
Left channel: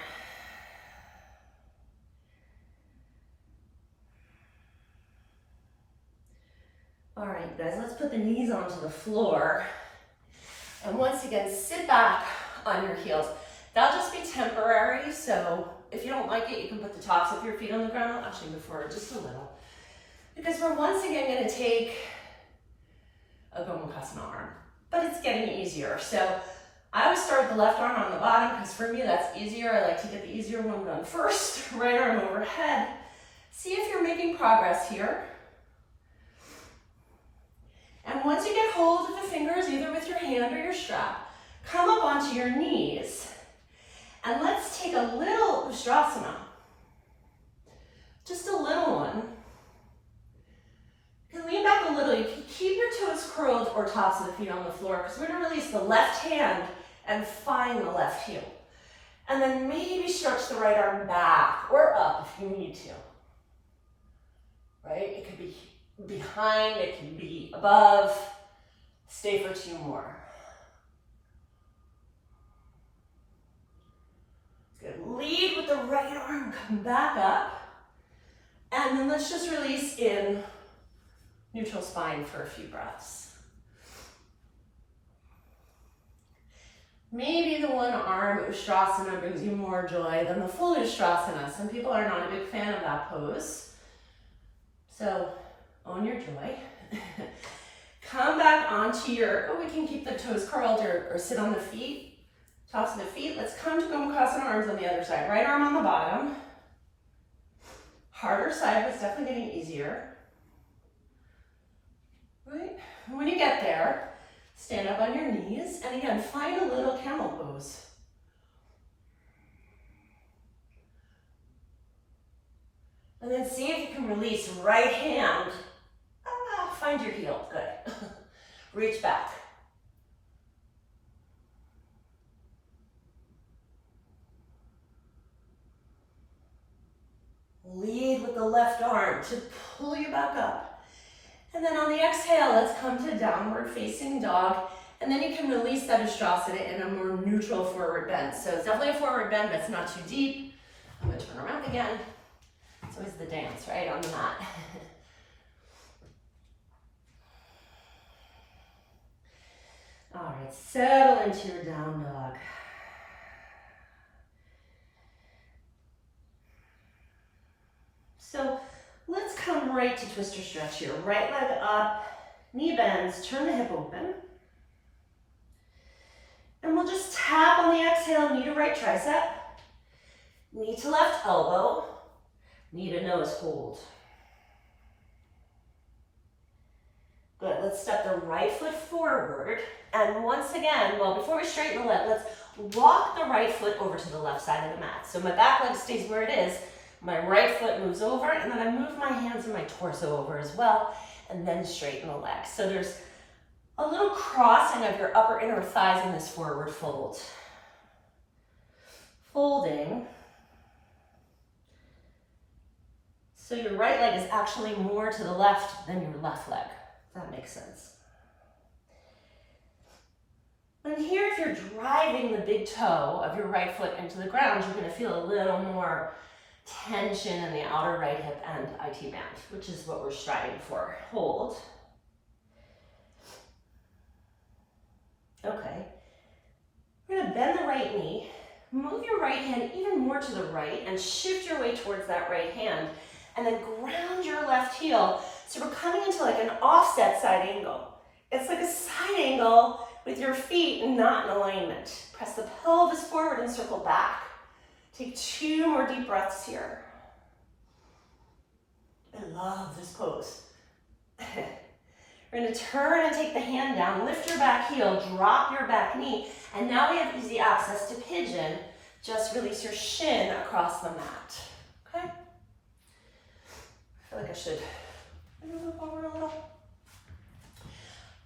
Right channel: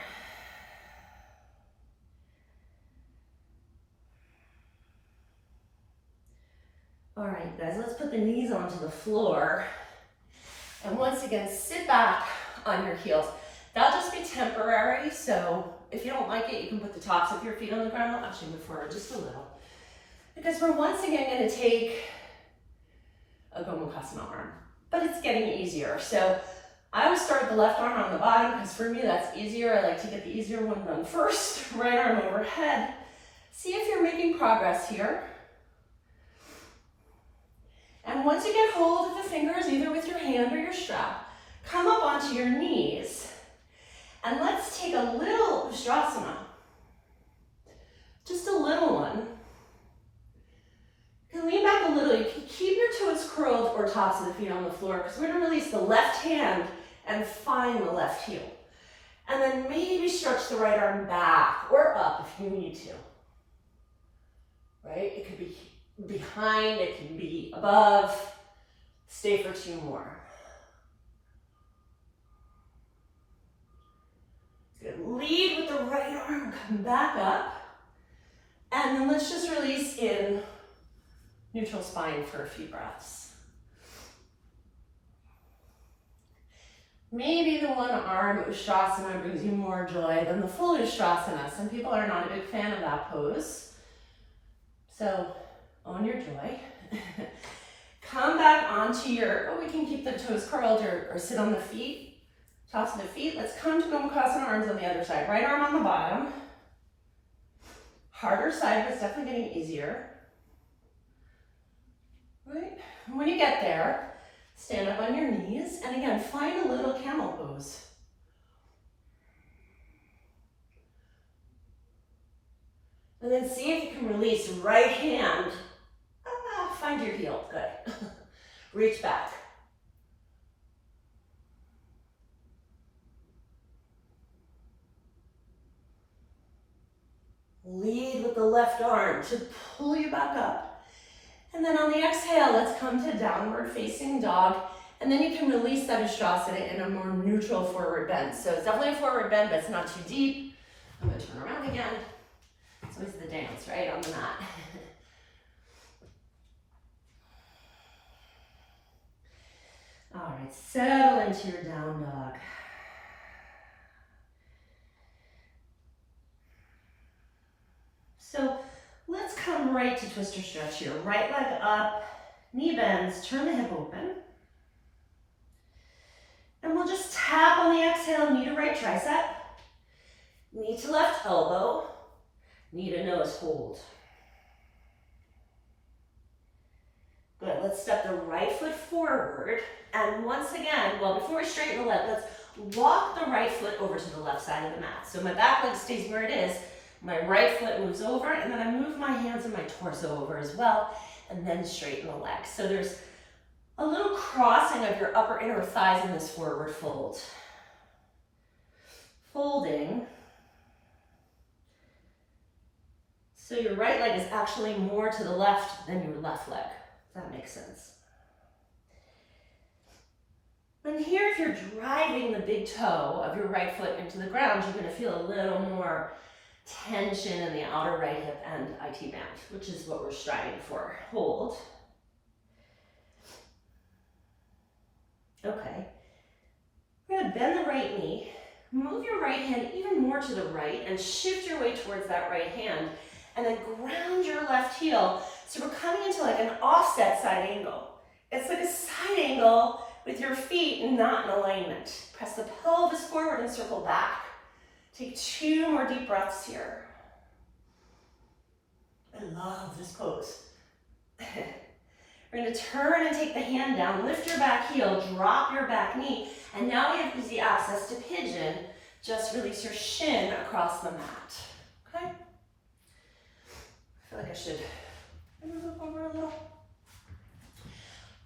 All right, guys, let's put the knees onto the floor. And once again, sit back on your heels. That'll just be temporary, so if you don't like it, you can put the tops of your feet on the ground. I'll actually move forward just a little. Because we're once again gonna take a Gomukhasana arm, but it's getting easier. So I always start with the left arm on the bottom because for me that's easier. I like to get the easier one done first. Right arm overhead. See if you're making progress here. And once you get hold of the fingers, either with your hand or your strap, come up onto your knees. And let's take a little Ustrasana. Just a little one. You can lean back a little. You can keep your toes curled or tops of the feet on the floor because we're going to release the left hand and find the left heel. And then maybe stretch the right arm back or up if you need to. Right? It could be behind, it can be above. Stay for 2 more. Good. Lead with the right arm, come back up. And then let's just release in neutral spine for a few breaths. Maybe the one arm Ustrasana brings you more joy than the full Ustrasana. Some people are not a big fan of that pose. So own your joy. Come back onto your, we can keep the toes curled or sit on the feet, tops of the feet. Let's come to Gomukhasana arms on the other side. Right arm on the bottom. Harder side, but it's definitely getting easier. Right? When you get there, stand up on your knees, and again, find a little camel pose. And then see if you can release right hand. Find your heel, good. Reach back. Lead with the left arm to pull you back up. And then on the exhale, let's come to downward facing dog. And then you can release that Ustrasana in a more neutral forward bend. So it's definitely a forward bend, but it's not too deep. I'm gonna turn around again. It's always the dance, right, on the mat. All right, settle into your down dog. So let's come right to twister stretch here. Right leg up, knee bends, turn the hip open. And we'll just tap on the exhale, knee to right tricep, knee to left elbow, knee to nose hold. Good, let's step the right foot forward. And once again, well, before we straighten the leg, let's walk the right foot over to the left side of the mat. So my back leg stays where it is, my right foot moves over, and then I move my hands and my torso over as well, and then straighten the leg. So there's a little crossing of your upper inner thighs in this forward fold. Folding. So your right leg is actually more to the left than your left leg. If that makes sense. And here, if you're driving the big toe of your right foot into the ground, you're going to feel a little more tension in the outer right hip and IT band, which is what we're striving for. Hold. Okay. We're going to bend the right knee, move your right hand even more to the right, and shift your way towards that right hand, and then ground your left heel. So we're coming into like an offset side angle. It's like a side angle with your feet not in alignment. Press the pelvis forward and circle back. Take 2 more deep breaths here. I love this pose. We're going to turn and take the hand down, lift your back heel, drop your back knee, and now we have easy access to pigeon. Just release your shin across the mat. Okay? I feel like I should move forward a little.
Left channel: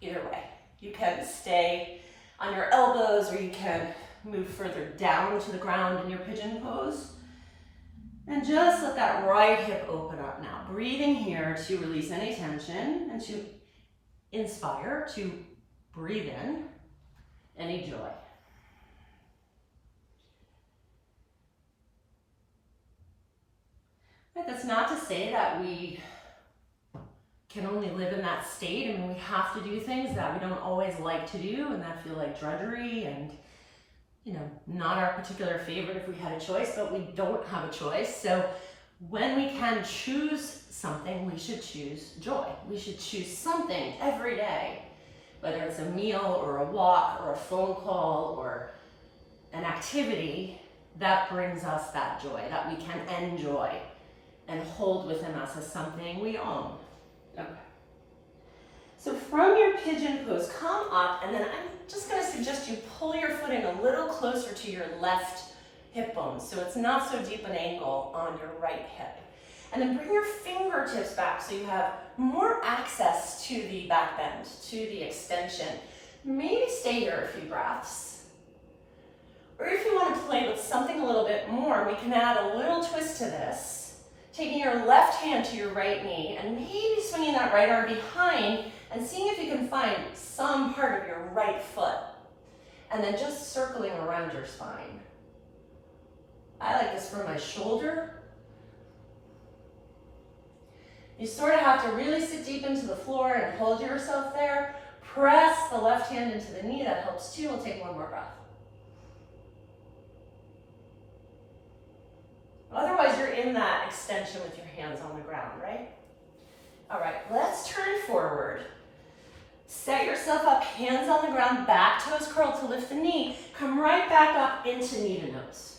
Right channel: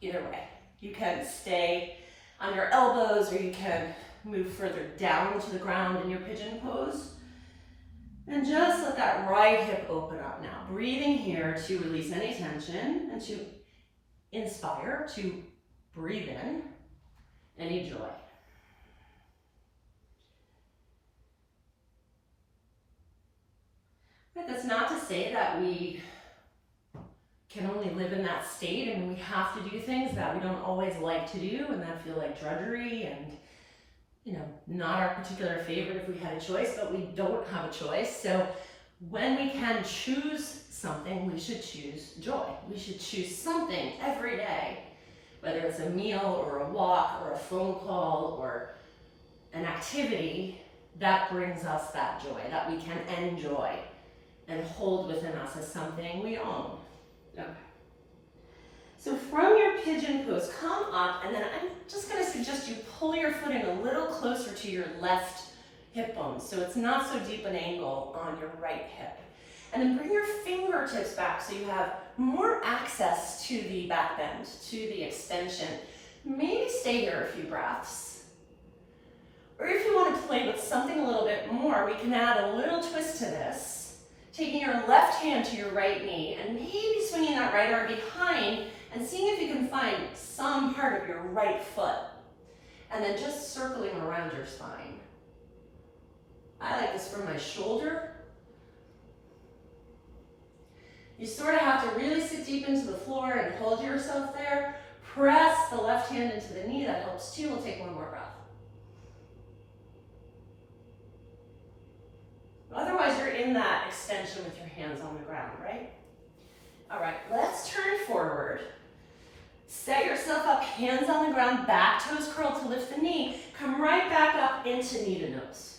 Either way, you can stay on your elbows or you can move further down to the ground in your pigeon pose. And just let that right hip open up now. Breathing here to release any tension and to inspire, to breathe in any joy. But that's not to say that we can only live in that state. I mean, we have to do things that we don't always like to do and that feel like drudgery and, you know, not our particular favorite if we had a choice, but we don't have a choice. So when we can choose something, we should choose joy. We should choose something every day, whether it's a meal or a walk or a phone call or an activity that brings us that joy, that we can enjoy and hold within us as something we own. Okay. So from your pigeon pose, come up, and then I'm just going to suggest you pull your foot in a little closer to your left hip bone, so it's not so deep an angle on your right hip. And then bring your fingertips back so you have more access to the back bend, to the extension. Maybe stay here a few breaths. Or if you want to play with something a little bit more, we can add a little twist to this, taking your left hand to your right knee and maybe swinging that right arm behind and seeing if you can find some part of your right foot. And then just circling around your spine. I like this for my shoulder. You sort of have to really sit deep into the floor and hold yourself there. Press the left hand into the knee, that helps too. We'll take one more breath. Otherwise, you're in that extension with your hands on the ground, right? All right, let's turn forward. Set yourself up, hands on the ground, back toes curled to lift the knee. Come right back up into knee to nose.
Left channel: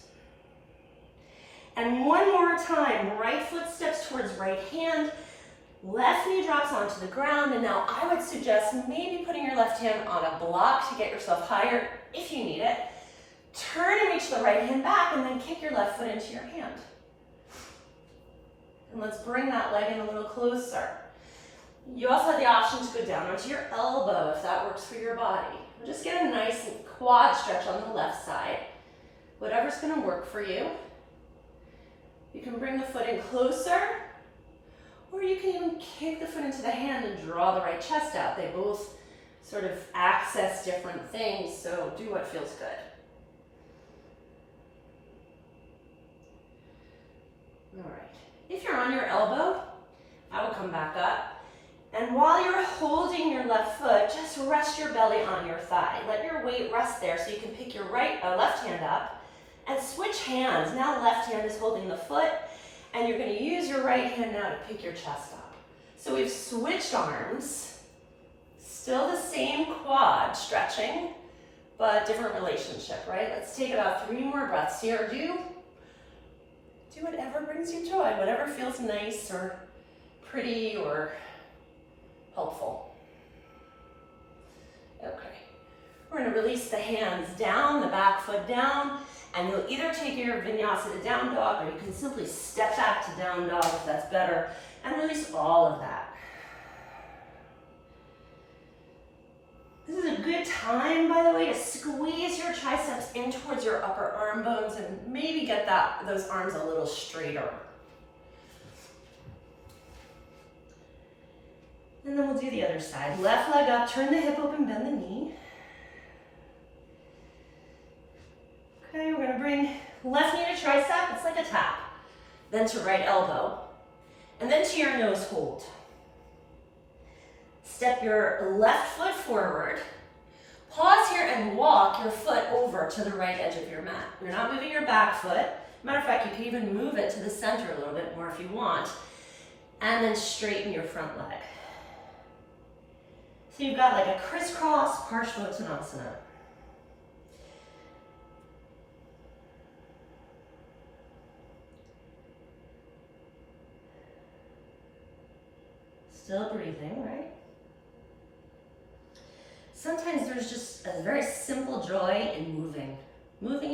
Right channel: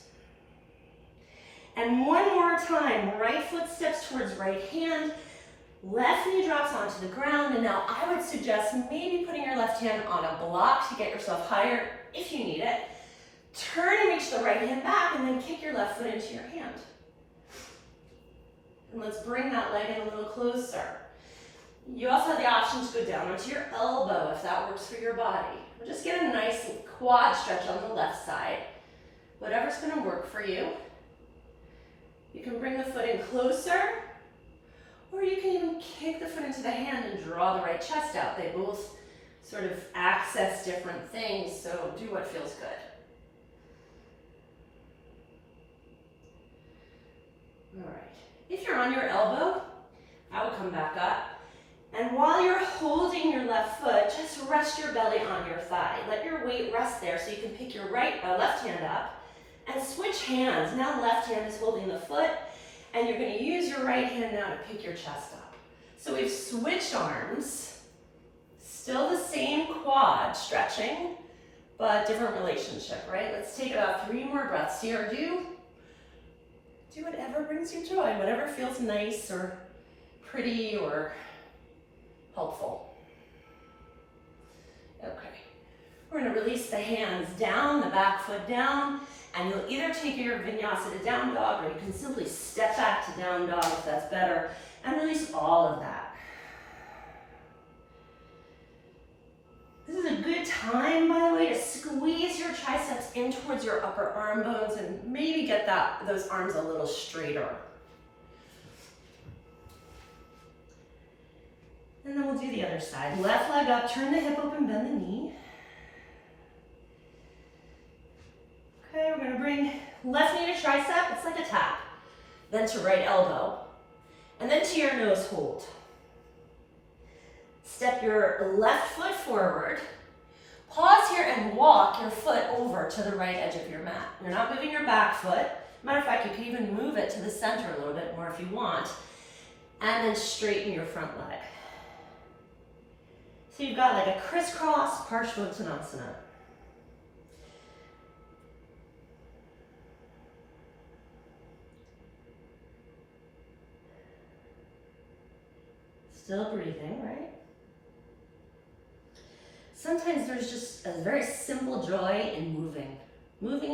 And one more time, right foot steps towards right hand, left knee drops onto the ground, and now I would suggest maybe putting your left hand on a block to get yourself higher if you need it. Turn and reach the right hand back, and then kick your left foot into your hand. And let's bring that leg in a little closer. You also have the option to go down onto your elbow if that works for your body. And just get a nice quad stretch on the left side. Whatever's going to work for you. You can bring the foot in closer, or you can even kick the foot into the hand and draw the right chest out. They both sort of access different things, so do what feels good. All right. If you're on your elbow, I will come back up. And while you're holding your left foot, just rest your belly on your thigh. Let your weight rest there so you can pick your left hand up and switch hands. Now the left hand is holding the foot, and you're going to use your right hand now to pick your chest up. So we've switched arms, still the same quad stretching, but different relationship, right? Let's take about 3 more breaths here. Do whatever brings you joy, whatever feels nice or pretty or helpful. Okay, we're going to release the hands down, the back foot down, and you'll either take your vinyasa to down dog, or you can simply step back to down dog if that's better, and release all of that. This is a good time, by the way, to squeeze your triceps in towards your upper arm bones and maybe get those arms a little straighter. And then we'll do the other side. Left leg up, turn the hip open, bend the knee. Okay, we're gonna bring left knee to tricep, it's like a tap. Then to right elbow. And then to your nose hold. Step your left foot forward. Pause here and walk your foot over to the right edge of your mat. You're not moving your back foot. Matter of fact, you can even move it to the center a little bit more if you want. And then straighten your front leg. So you've got like a crisscross Parshvottanasana. Still breathing, right? Sometimes there's just a very simple joy in moving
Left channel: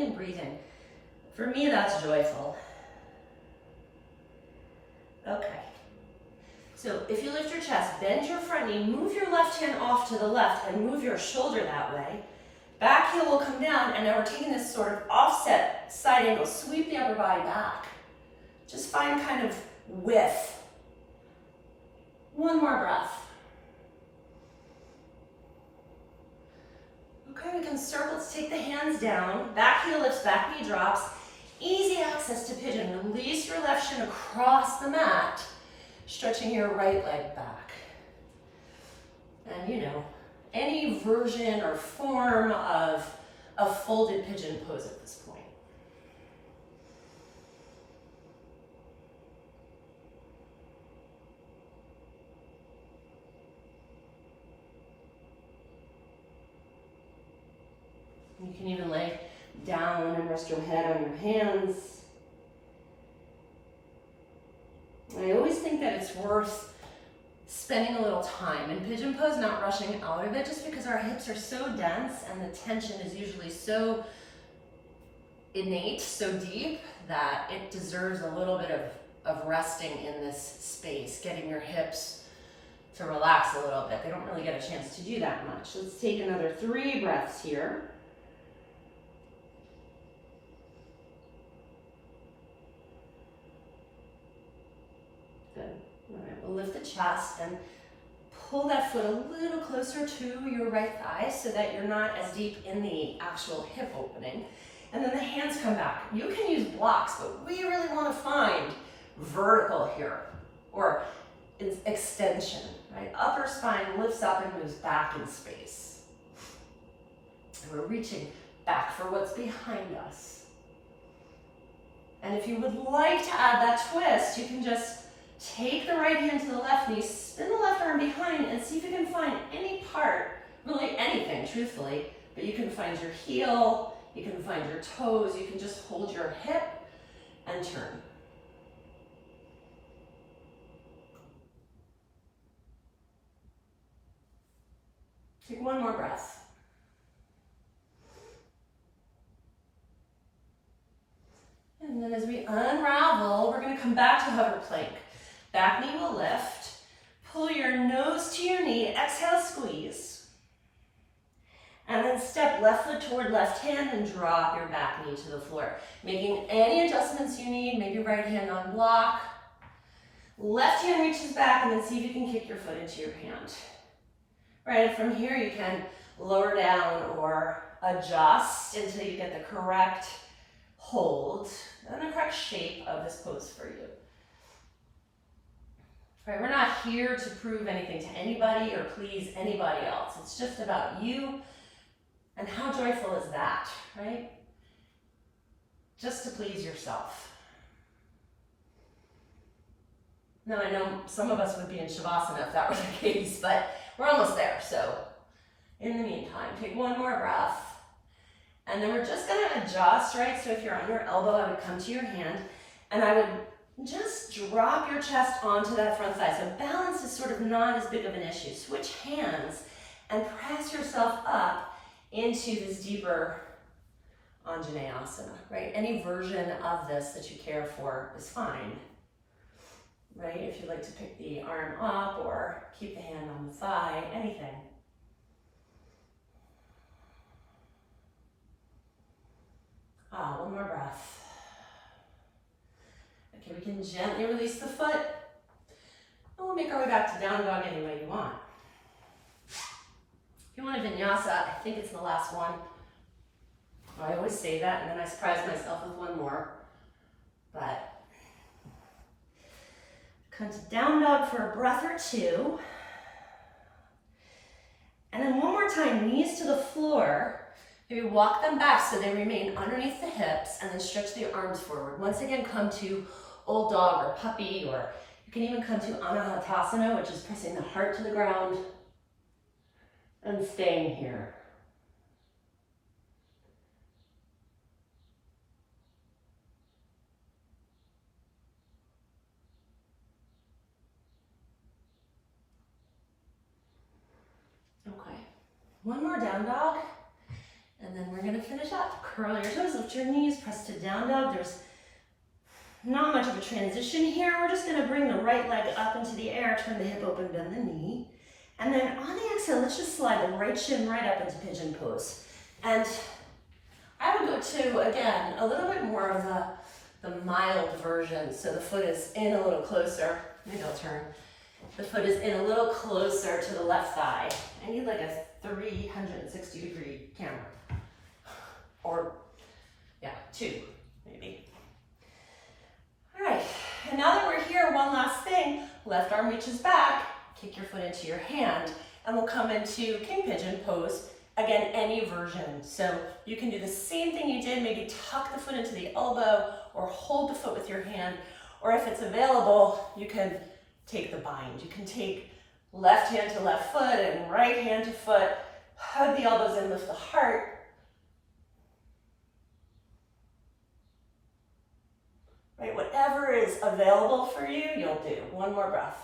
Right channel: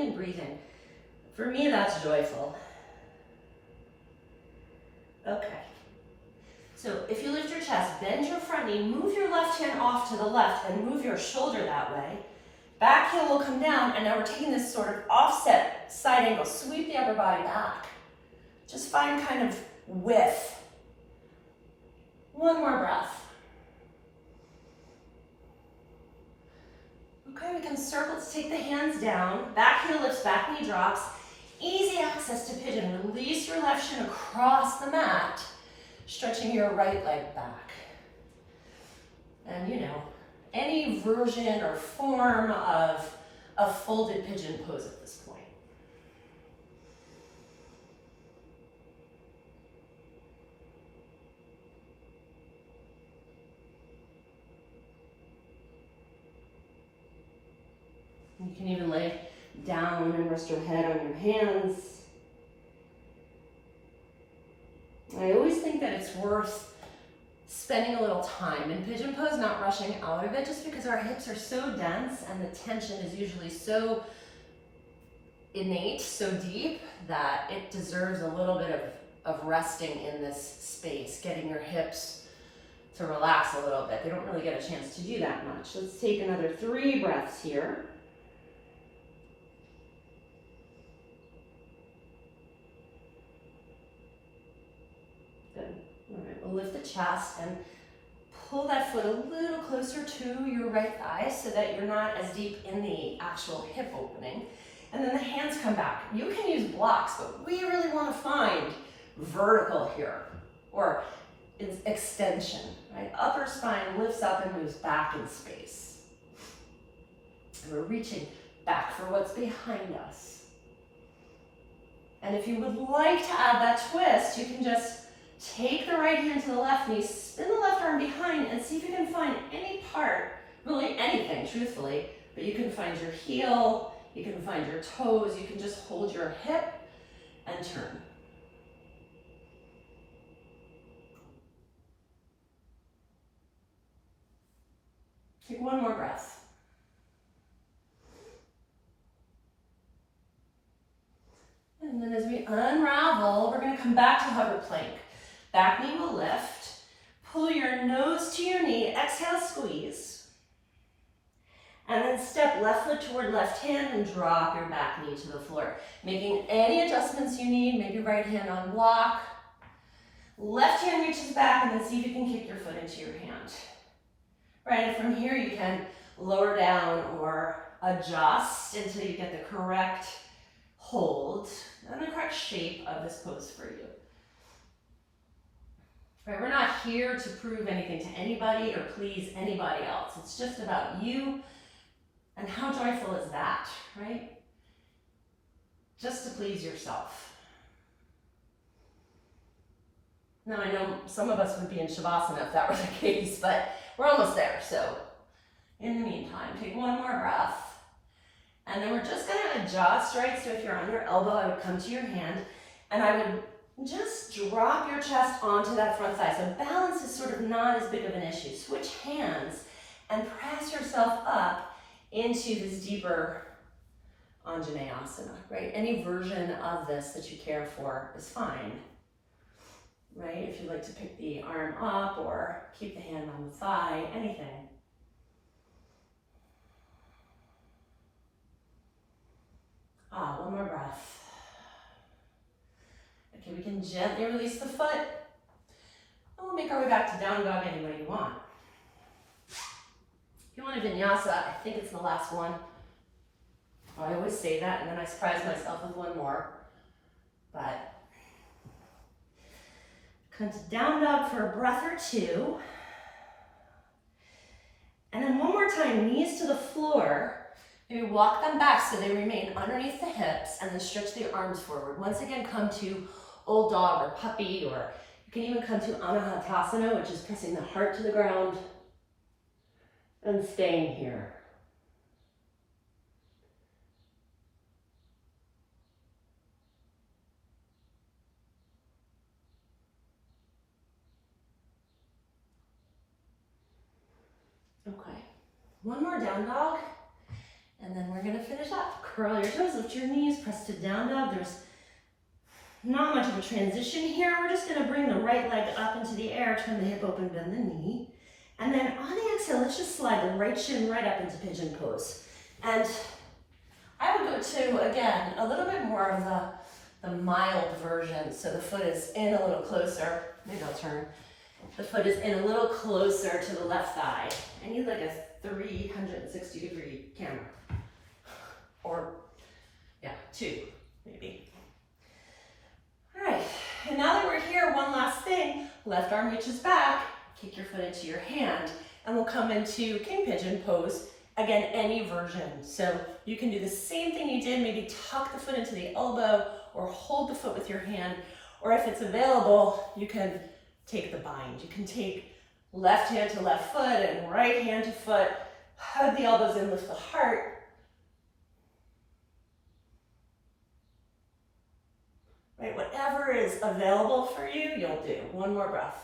and breathing. For me, that's joyful. Okay. So if you lift your chest, bend your front knee, move your left hand off to the left and move your shoulder that way. Back heel will come down, and now we're taking this sort of offset side angle. Sweep the upper body back. Just find kind of width. One more breath. Okay, we can circle. Let's take the hands down. Back heel lifts, back knee drops. Easy access to pigeon. Release your left shin across the mat, stretching your right leg back. And you know, any version or form of a folded pigeon pose at this point. You can even lay down and rest your head on your hands. I always think that it's worth spending a little time in pigeon pose, not rushing out of it, just because our hips are so dense and the tension is usually so innate, so deep, that it deserves a little bit of of resting in this space, getting your hips to relax a little bit. They don't really get a chance to do that much. Let's take another 3 breaths here. Good. All right, we'll lift the chest and pull that foot a little closer to your right thigh so that you're not as deep in the actual hip opening. And then the hands come back. You can use blocks, but we really want to find vertical here, or extension, right? Upper spine lifts up and moves back in space. And we're reaching back for what's behind us. And if you would like to add that twist, you can just take the right hand to the left knee, spin the left arm behind, and see if you can find any part, really anything, truthfully, but you can find your heel, you can find your toes, you can just hold your hip and turn. Take one more breath. And then as we unravel, we're going to come back to hover plank. Back knee will lift. Pull your nose to your knee. Exhale, squeeze. And then step left foot toward left hand and drop your back knee to the floor. Making any adjustments you need, maybe right hand on block. Left hand reaches back, and then see if you can kick your foot into your hand. Right, and from here you can lower down or adjust until you get the correct hold and the correct shape of this pose for you. Right, we're not here to prove anything to anybody or please anybody else. It's just about you, and how joyful is that, right? Just to please yourself. Now I know some of us would be in Shavasana if that were the case, but we're almost there. So in the meantime, take one more breath. And then we're just gonna adjust, right? So if you're on your elbow, I would come to your hand and I would just drop your chest onto that front thigh. So balance is sort of not as big of an issue. Switch hands and press yourself up into this deeper Anjaneyasana, right? Any version of this that you care for is fine, right? If you'd like to pick the arm up or keep the hand on the thigh, anything. One more breath. Okay, we can gently release the foot. And we'll make our way back to down dog any way you want. If you want a vinyasa, I think it's the last one. I always say that, and then I surprise myself with one more. But come to down dog for a breath or two. And then one more time, knees to the floor. Maybe walk them back so they remain underneath the hips, and then stretch the arms forward. Once again, come to old dog or puppy, or you can even come to Anahatasana, which is pressing the heart to the ground and staying here. Okay, one more down dog. And then we're gonna finish up. Curl your toes, lift your knees, press to down dog. There's not much of a transition here. We're just gonna bring the right leg up into the air, turn the hip open, bend the knee. And then on the exhale, let's just slide the right shin right up into pigeon pose. And I would go to, again, a little bit more of the mild version. So the foot is in a little closer. Maybe I'll turn. The foot is in a little closer to the left thigh. I need like a 360-degree camera. Or, yeah, 2, maybe. All right, and now that we're here, one last thing. Left arm reaches back, kick your foot into your hand, and we'll come into King Pigeon Pose. Again, any version. So you can do the same thing you did, maybe tuck the foot into the elbow, or hold the foot with your hand, or if it's available, you can take the bind. You can take left hand to left foot and right hand to foot, hug the elbows in, lift the heart. Right, whatever is available for you, you'll do. One more breath.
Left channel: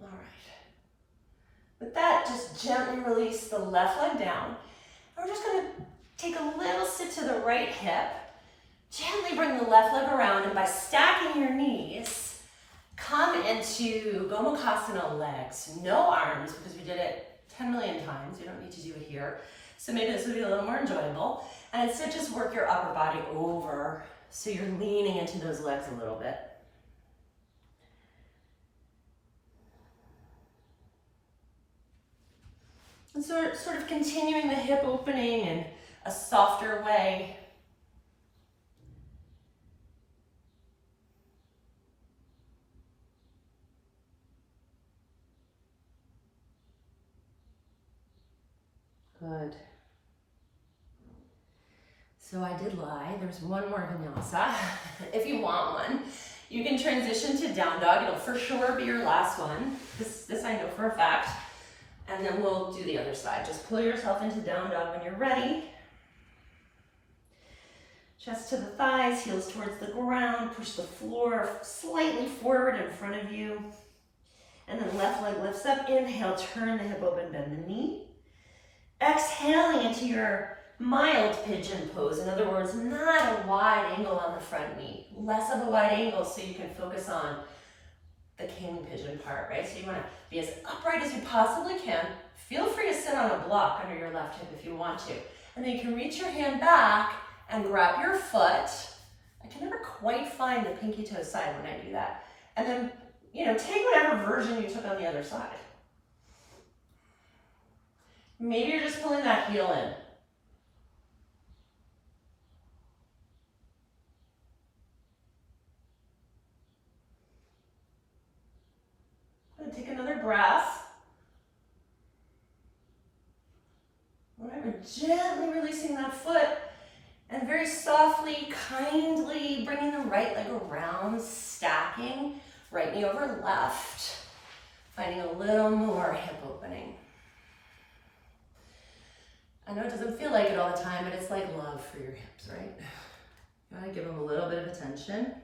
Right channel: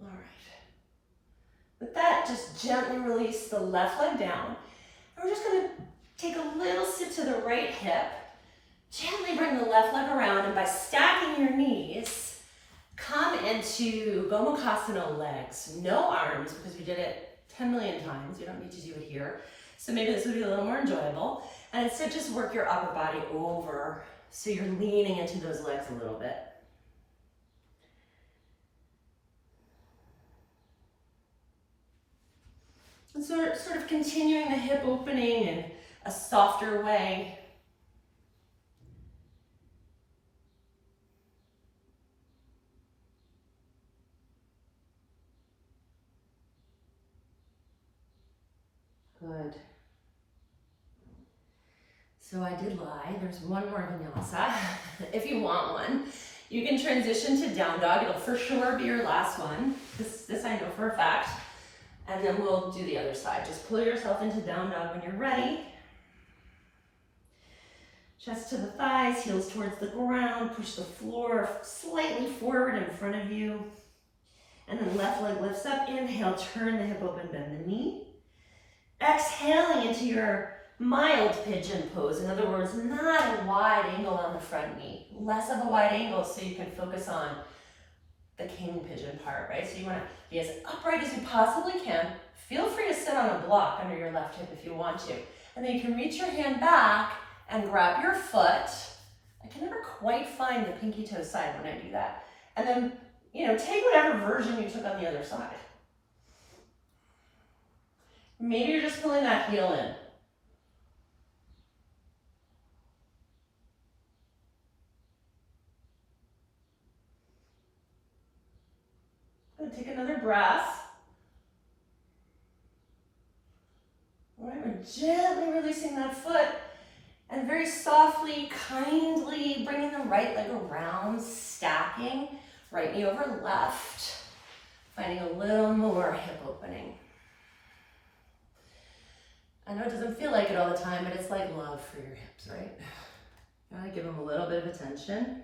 All right. With that, just gently release the left leg down. And we're just gonna take a little sit to the right hip. Gently bring the left leg around, and by stacking your knees, come into Gomukhasana legs. No arms, because we did it 10 million times. You don't need to do it here. So maybe this would be a little more enjoyable. And instead, just work your upper body over so you're leaning into those legs a little bit. And sort of continuing the hip opening in a softer way. Good. So I did lie, there's one more vinyasa. If you want one, you can transition to down dog. It'll for sure be your last one. This I know for a fact. And then we'll do the other side. Just pull yourself into down dog when you're ready. Chest to the thighs, heels towards the ground. Push the floor slightly forward in front of you. And then left leg lifts up. Inhale, turn the hip open, bend the knee. Exhaling into your mild pigeon pose. In other words, not a wide angle on the front knee. Less of a wide angle so you can focus on the king pigeon part, right? So you want to be as upright as you possibly can. Feel free to sit on a block under your left hip if you want to. And then you can reach your hand back and grab your foot. I can never quite find the pinky toe side when I do that. And then, take whatever version you took on the other side. Maybe you're just pulling that heel in. Take another breath. All right, we're gently releasing that foot and very softly, kindly bringing the right leg around, stacking, right knee over left, finding a little more hip opening. I know it doesn't feel like it all the time, but it's like love for your hips, right? You gotta give them a little bit of attention.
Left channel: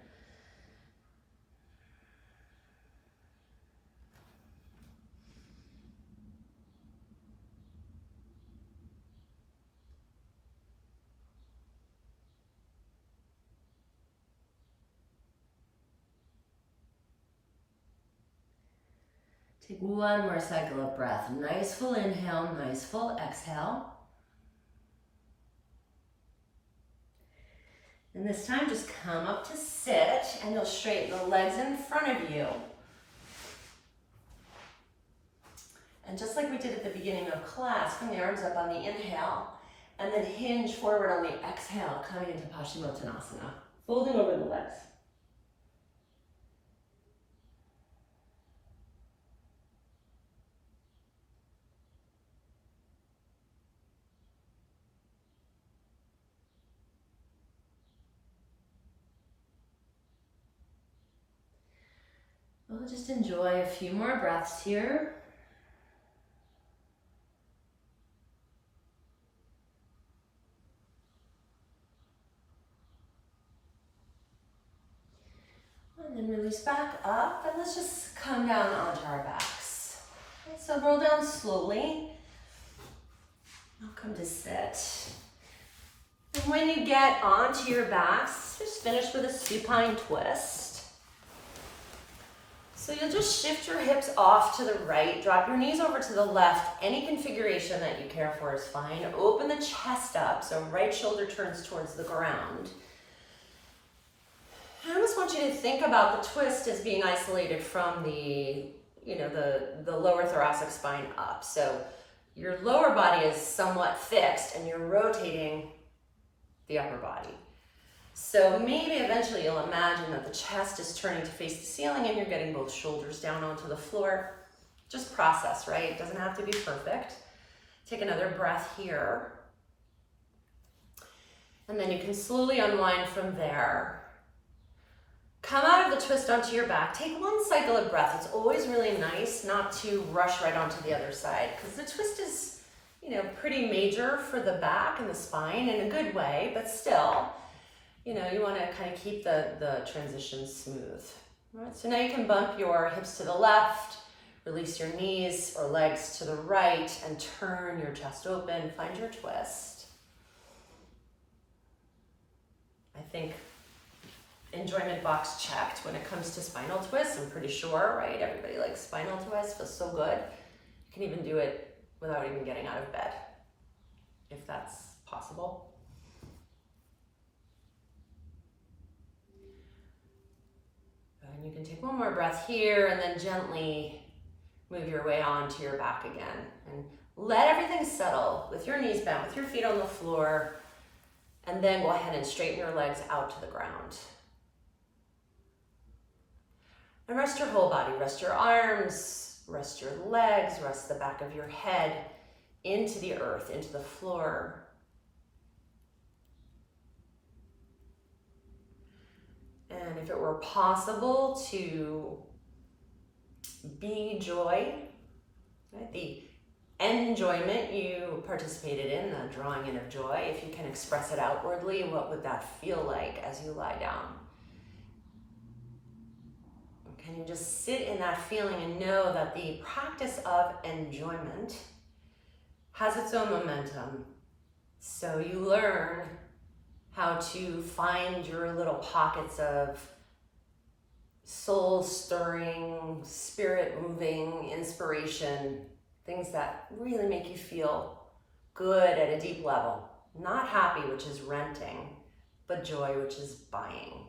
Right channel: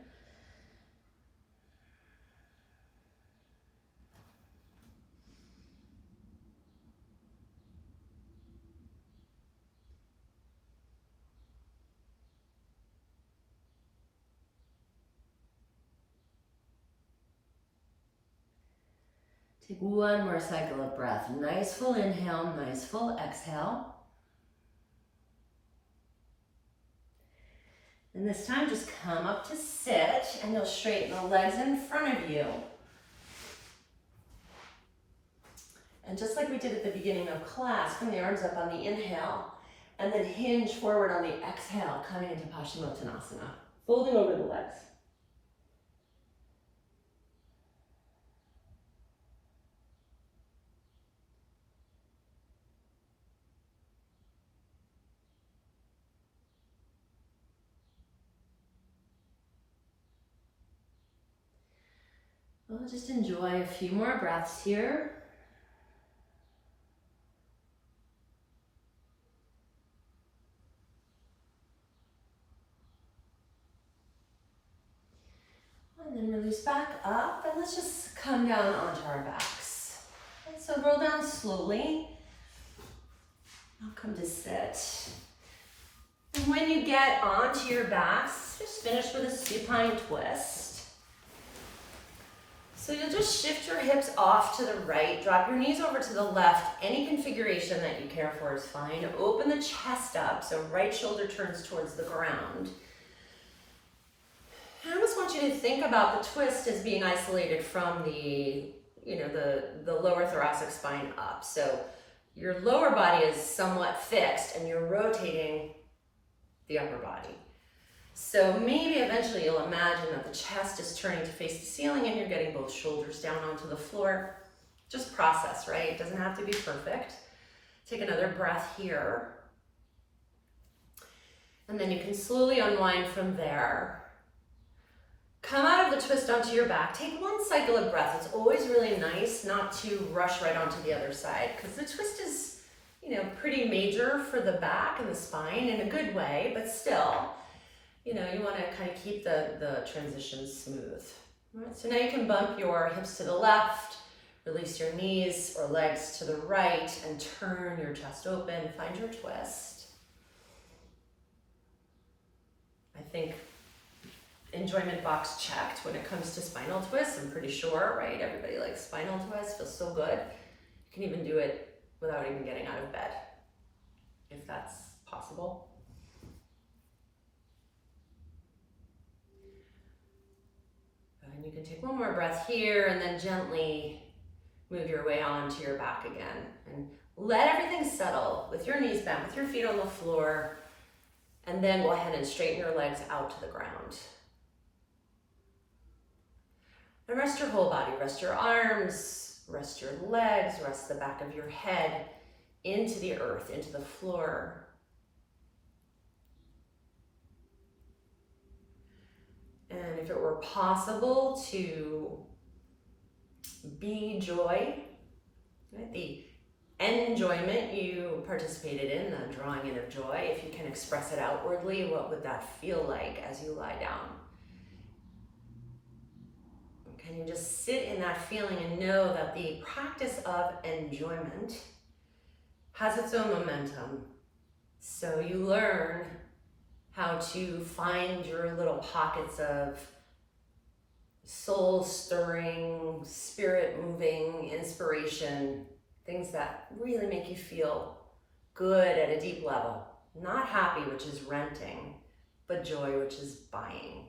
Take one more cycle of breath. Nice full inhale, nice full exhale. And this time just come up to sit and you'll straighten the legs in front of you. And just like we did at the beginning of class, bring the arms up on the inhale and then hinge forward on the exhale, coming into Paschimottanasana, folding over the legs. We'll just enjoy a few more breaths here. And then release back up, and let's just come down onto our backs. Okay, so roll down slowly. I'll come to sit. And when you get onto your backs, just finish with a supine twist. So you'll just shift your hips off to the right, drop your knees over to the left. Any configuration that you care for is fine. Open the chest up, so right shoulder turns towards the ground. I almost want you to think about the twist as being isolated from the lower thoracic spine up. So your lower body is somewhat fixed and you're rotating the upper body. So maybe eventually you'll imagine that the chest is turning to face the ceiling and you're getting both shoulders down onto the floor. Just process, right? It doesn't have to be perfect. Take another breath here. And then you can slowly unwind from there. Come out of the twist onto your back. Take one cycle of breath. It's always really nice not to rush right onto the other side because the twist is, pretty major for the back and the spine in a good way, but still, you want to kind of keep the transition smooth. All right, so now you can bump your hips to the left, release your knees or legs to the right, and turn your chest open. Find your twist. I think enjoyment box checked when it comes to spinal twists. I'm pretty sure, right? Everybody likes spinal twists, feels so good. You can even do it without even getting out of bed, if that's possible. And you can take one more breath here and then gently move your way onto your back again. And let everything settle with your knees bent, with your feet on the floor. And then go ahead and straighten your legs out to the ground. And rest your whole body. Rest your arms, rest your legs, rest the back of your head into the earth, into the floor. And if it were possible to be joy, right? The enjoyment you participated in, the drawing in of joy, if you can express it outwardly, what would that feel like as you lie down? Can you just sit in that feeling and know that the practice of enjoyment has its own momentum? So you learn how to find your little pockets of soul-stirring, spirit-moving inspiration, things that really make you feel good at a deep level. Not happy, which is renting, but joy, which is buying.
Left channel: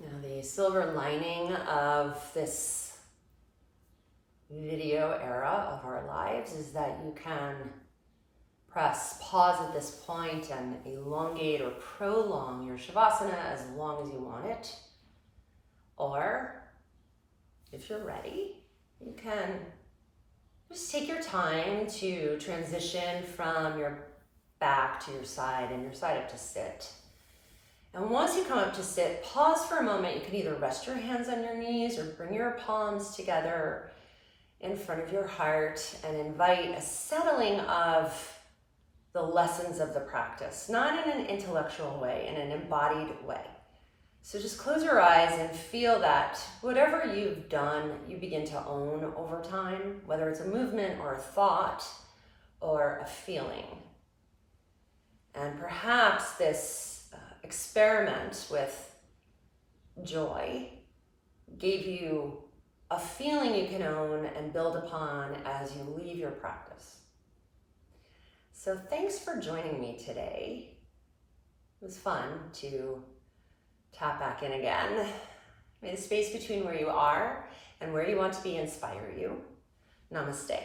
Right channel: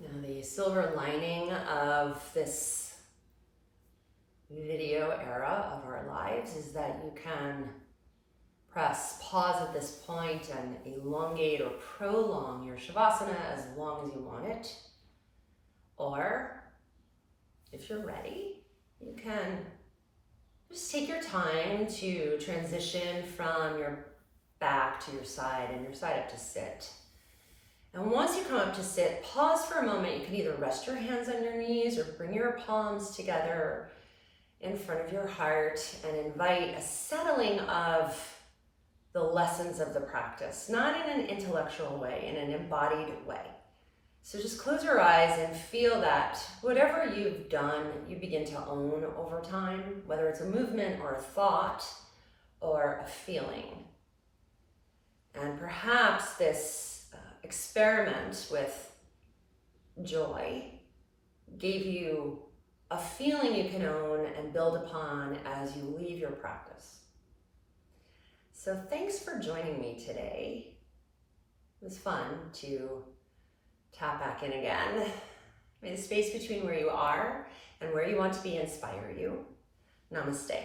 Now, the silver lining of this video era of our lives is that you can press pause at this point and elongate or prolong your Shavasana as long as you want it. Or, if you're ready, you can just take your time to transition from your back to your side and your side up to sit. And once you come up to sit, pause for a moment. You can either rest your hands on your knees or bring your palms together in front of your heart and invite a settling of the lessons of the practice, not in an intellectual way, in an embodied way. So just close your eyes and feel that whatever you've done, you begin to own over time, whether it's a movement or a thought or a feeling. And perhaps this experiment with joy gave you a feeling you can own and build upon as you leave your practice. So thanks for joining me today. It was fun to tap back in again. May the space between where you are and where you want to be inspire you. Namaste.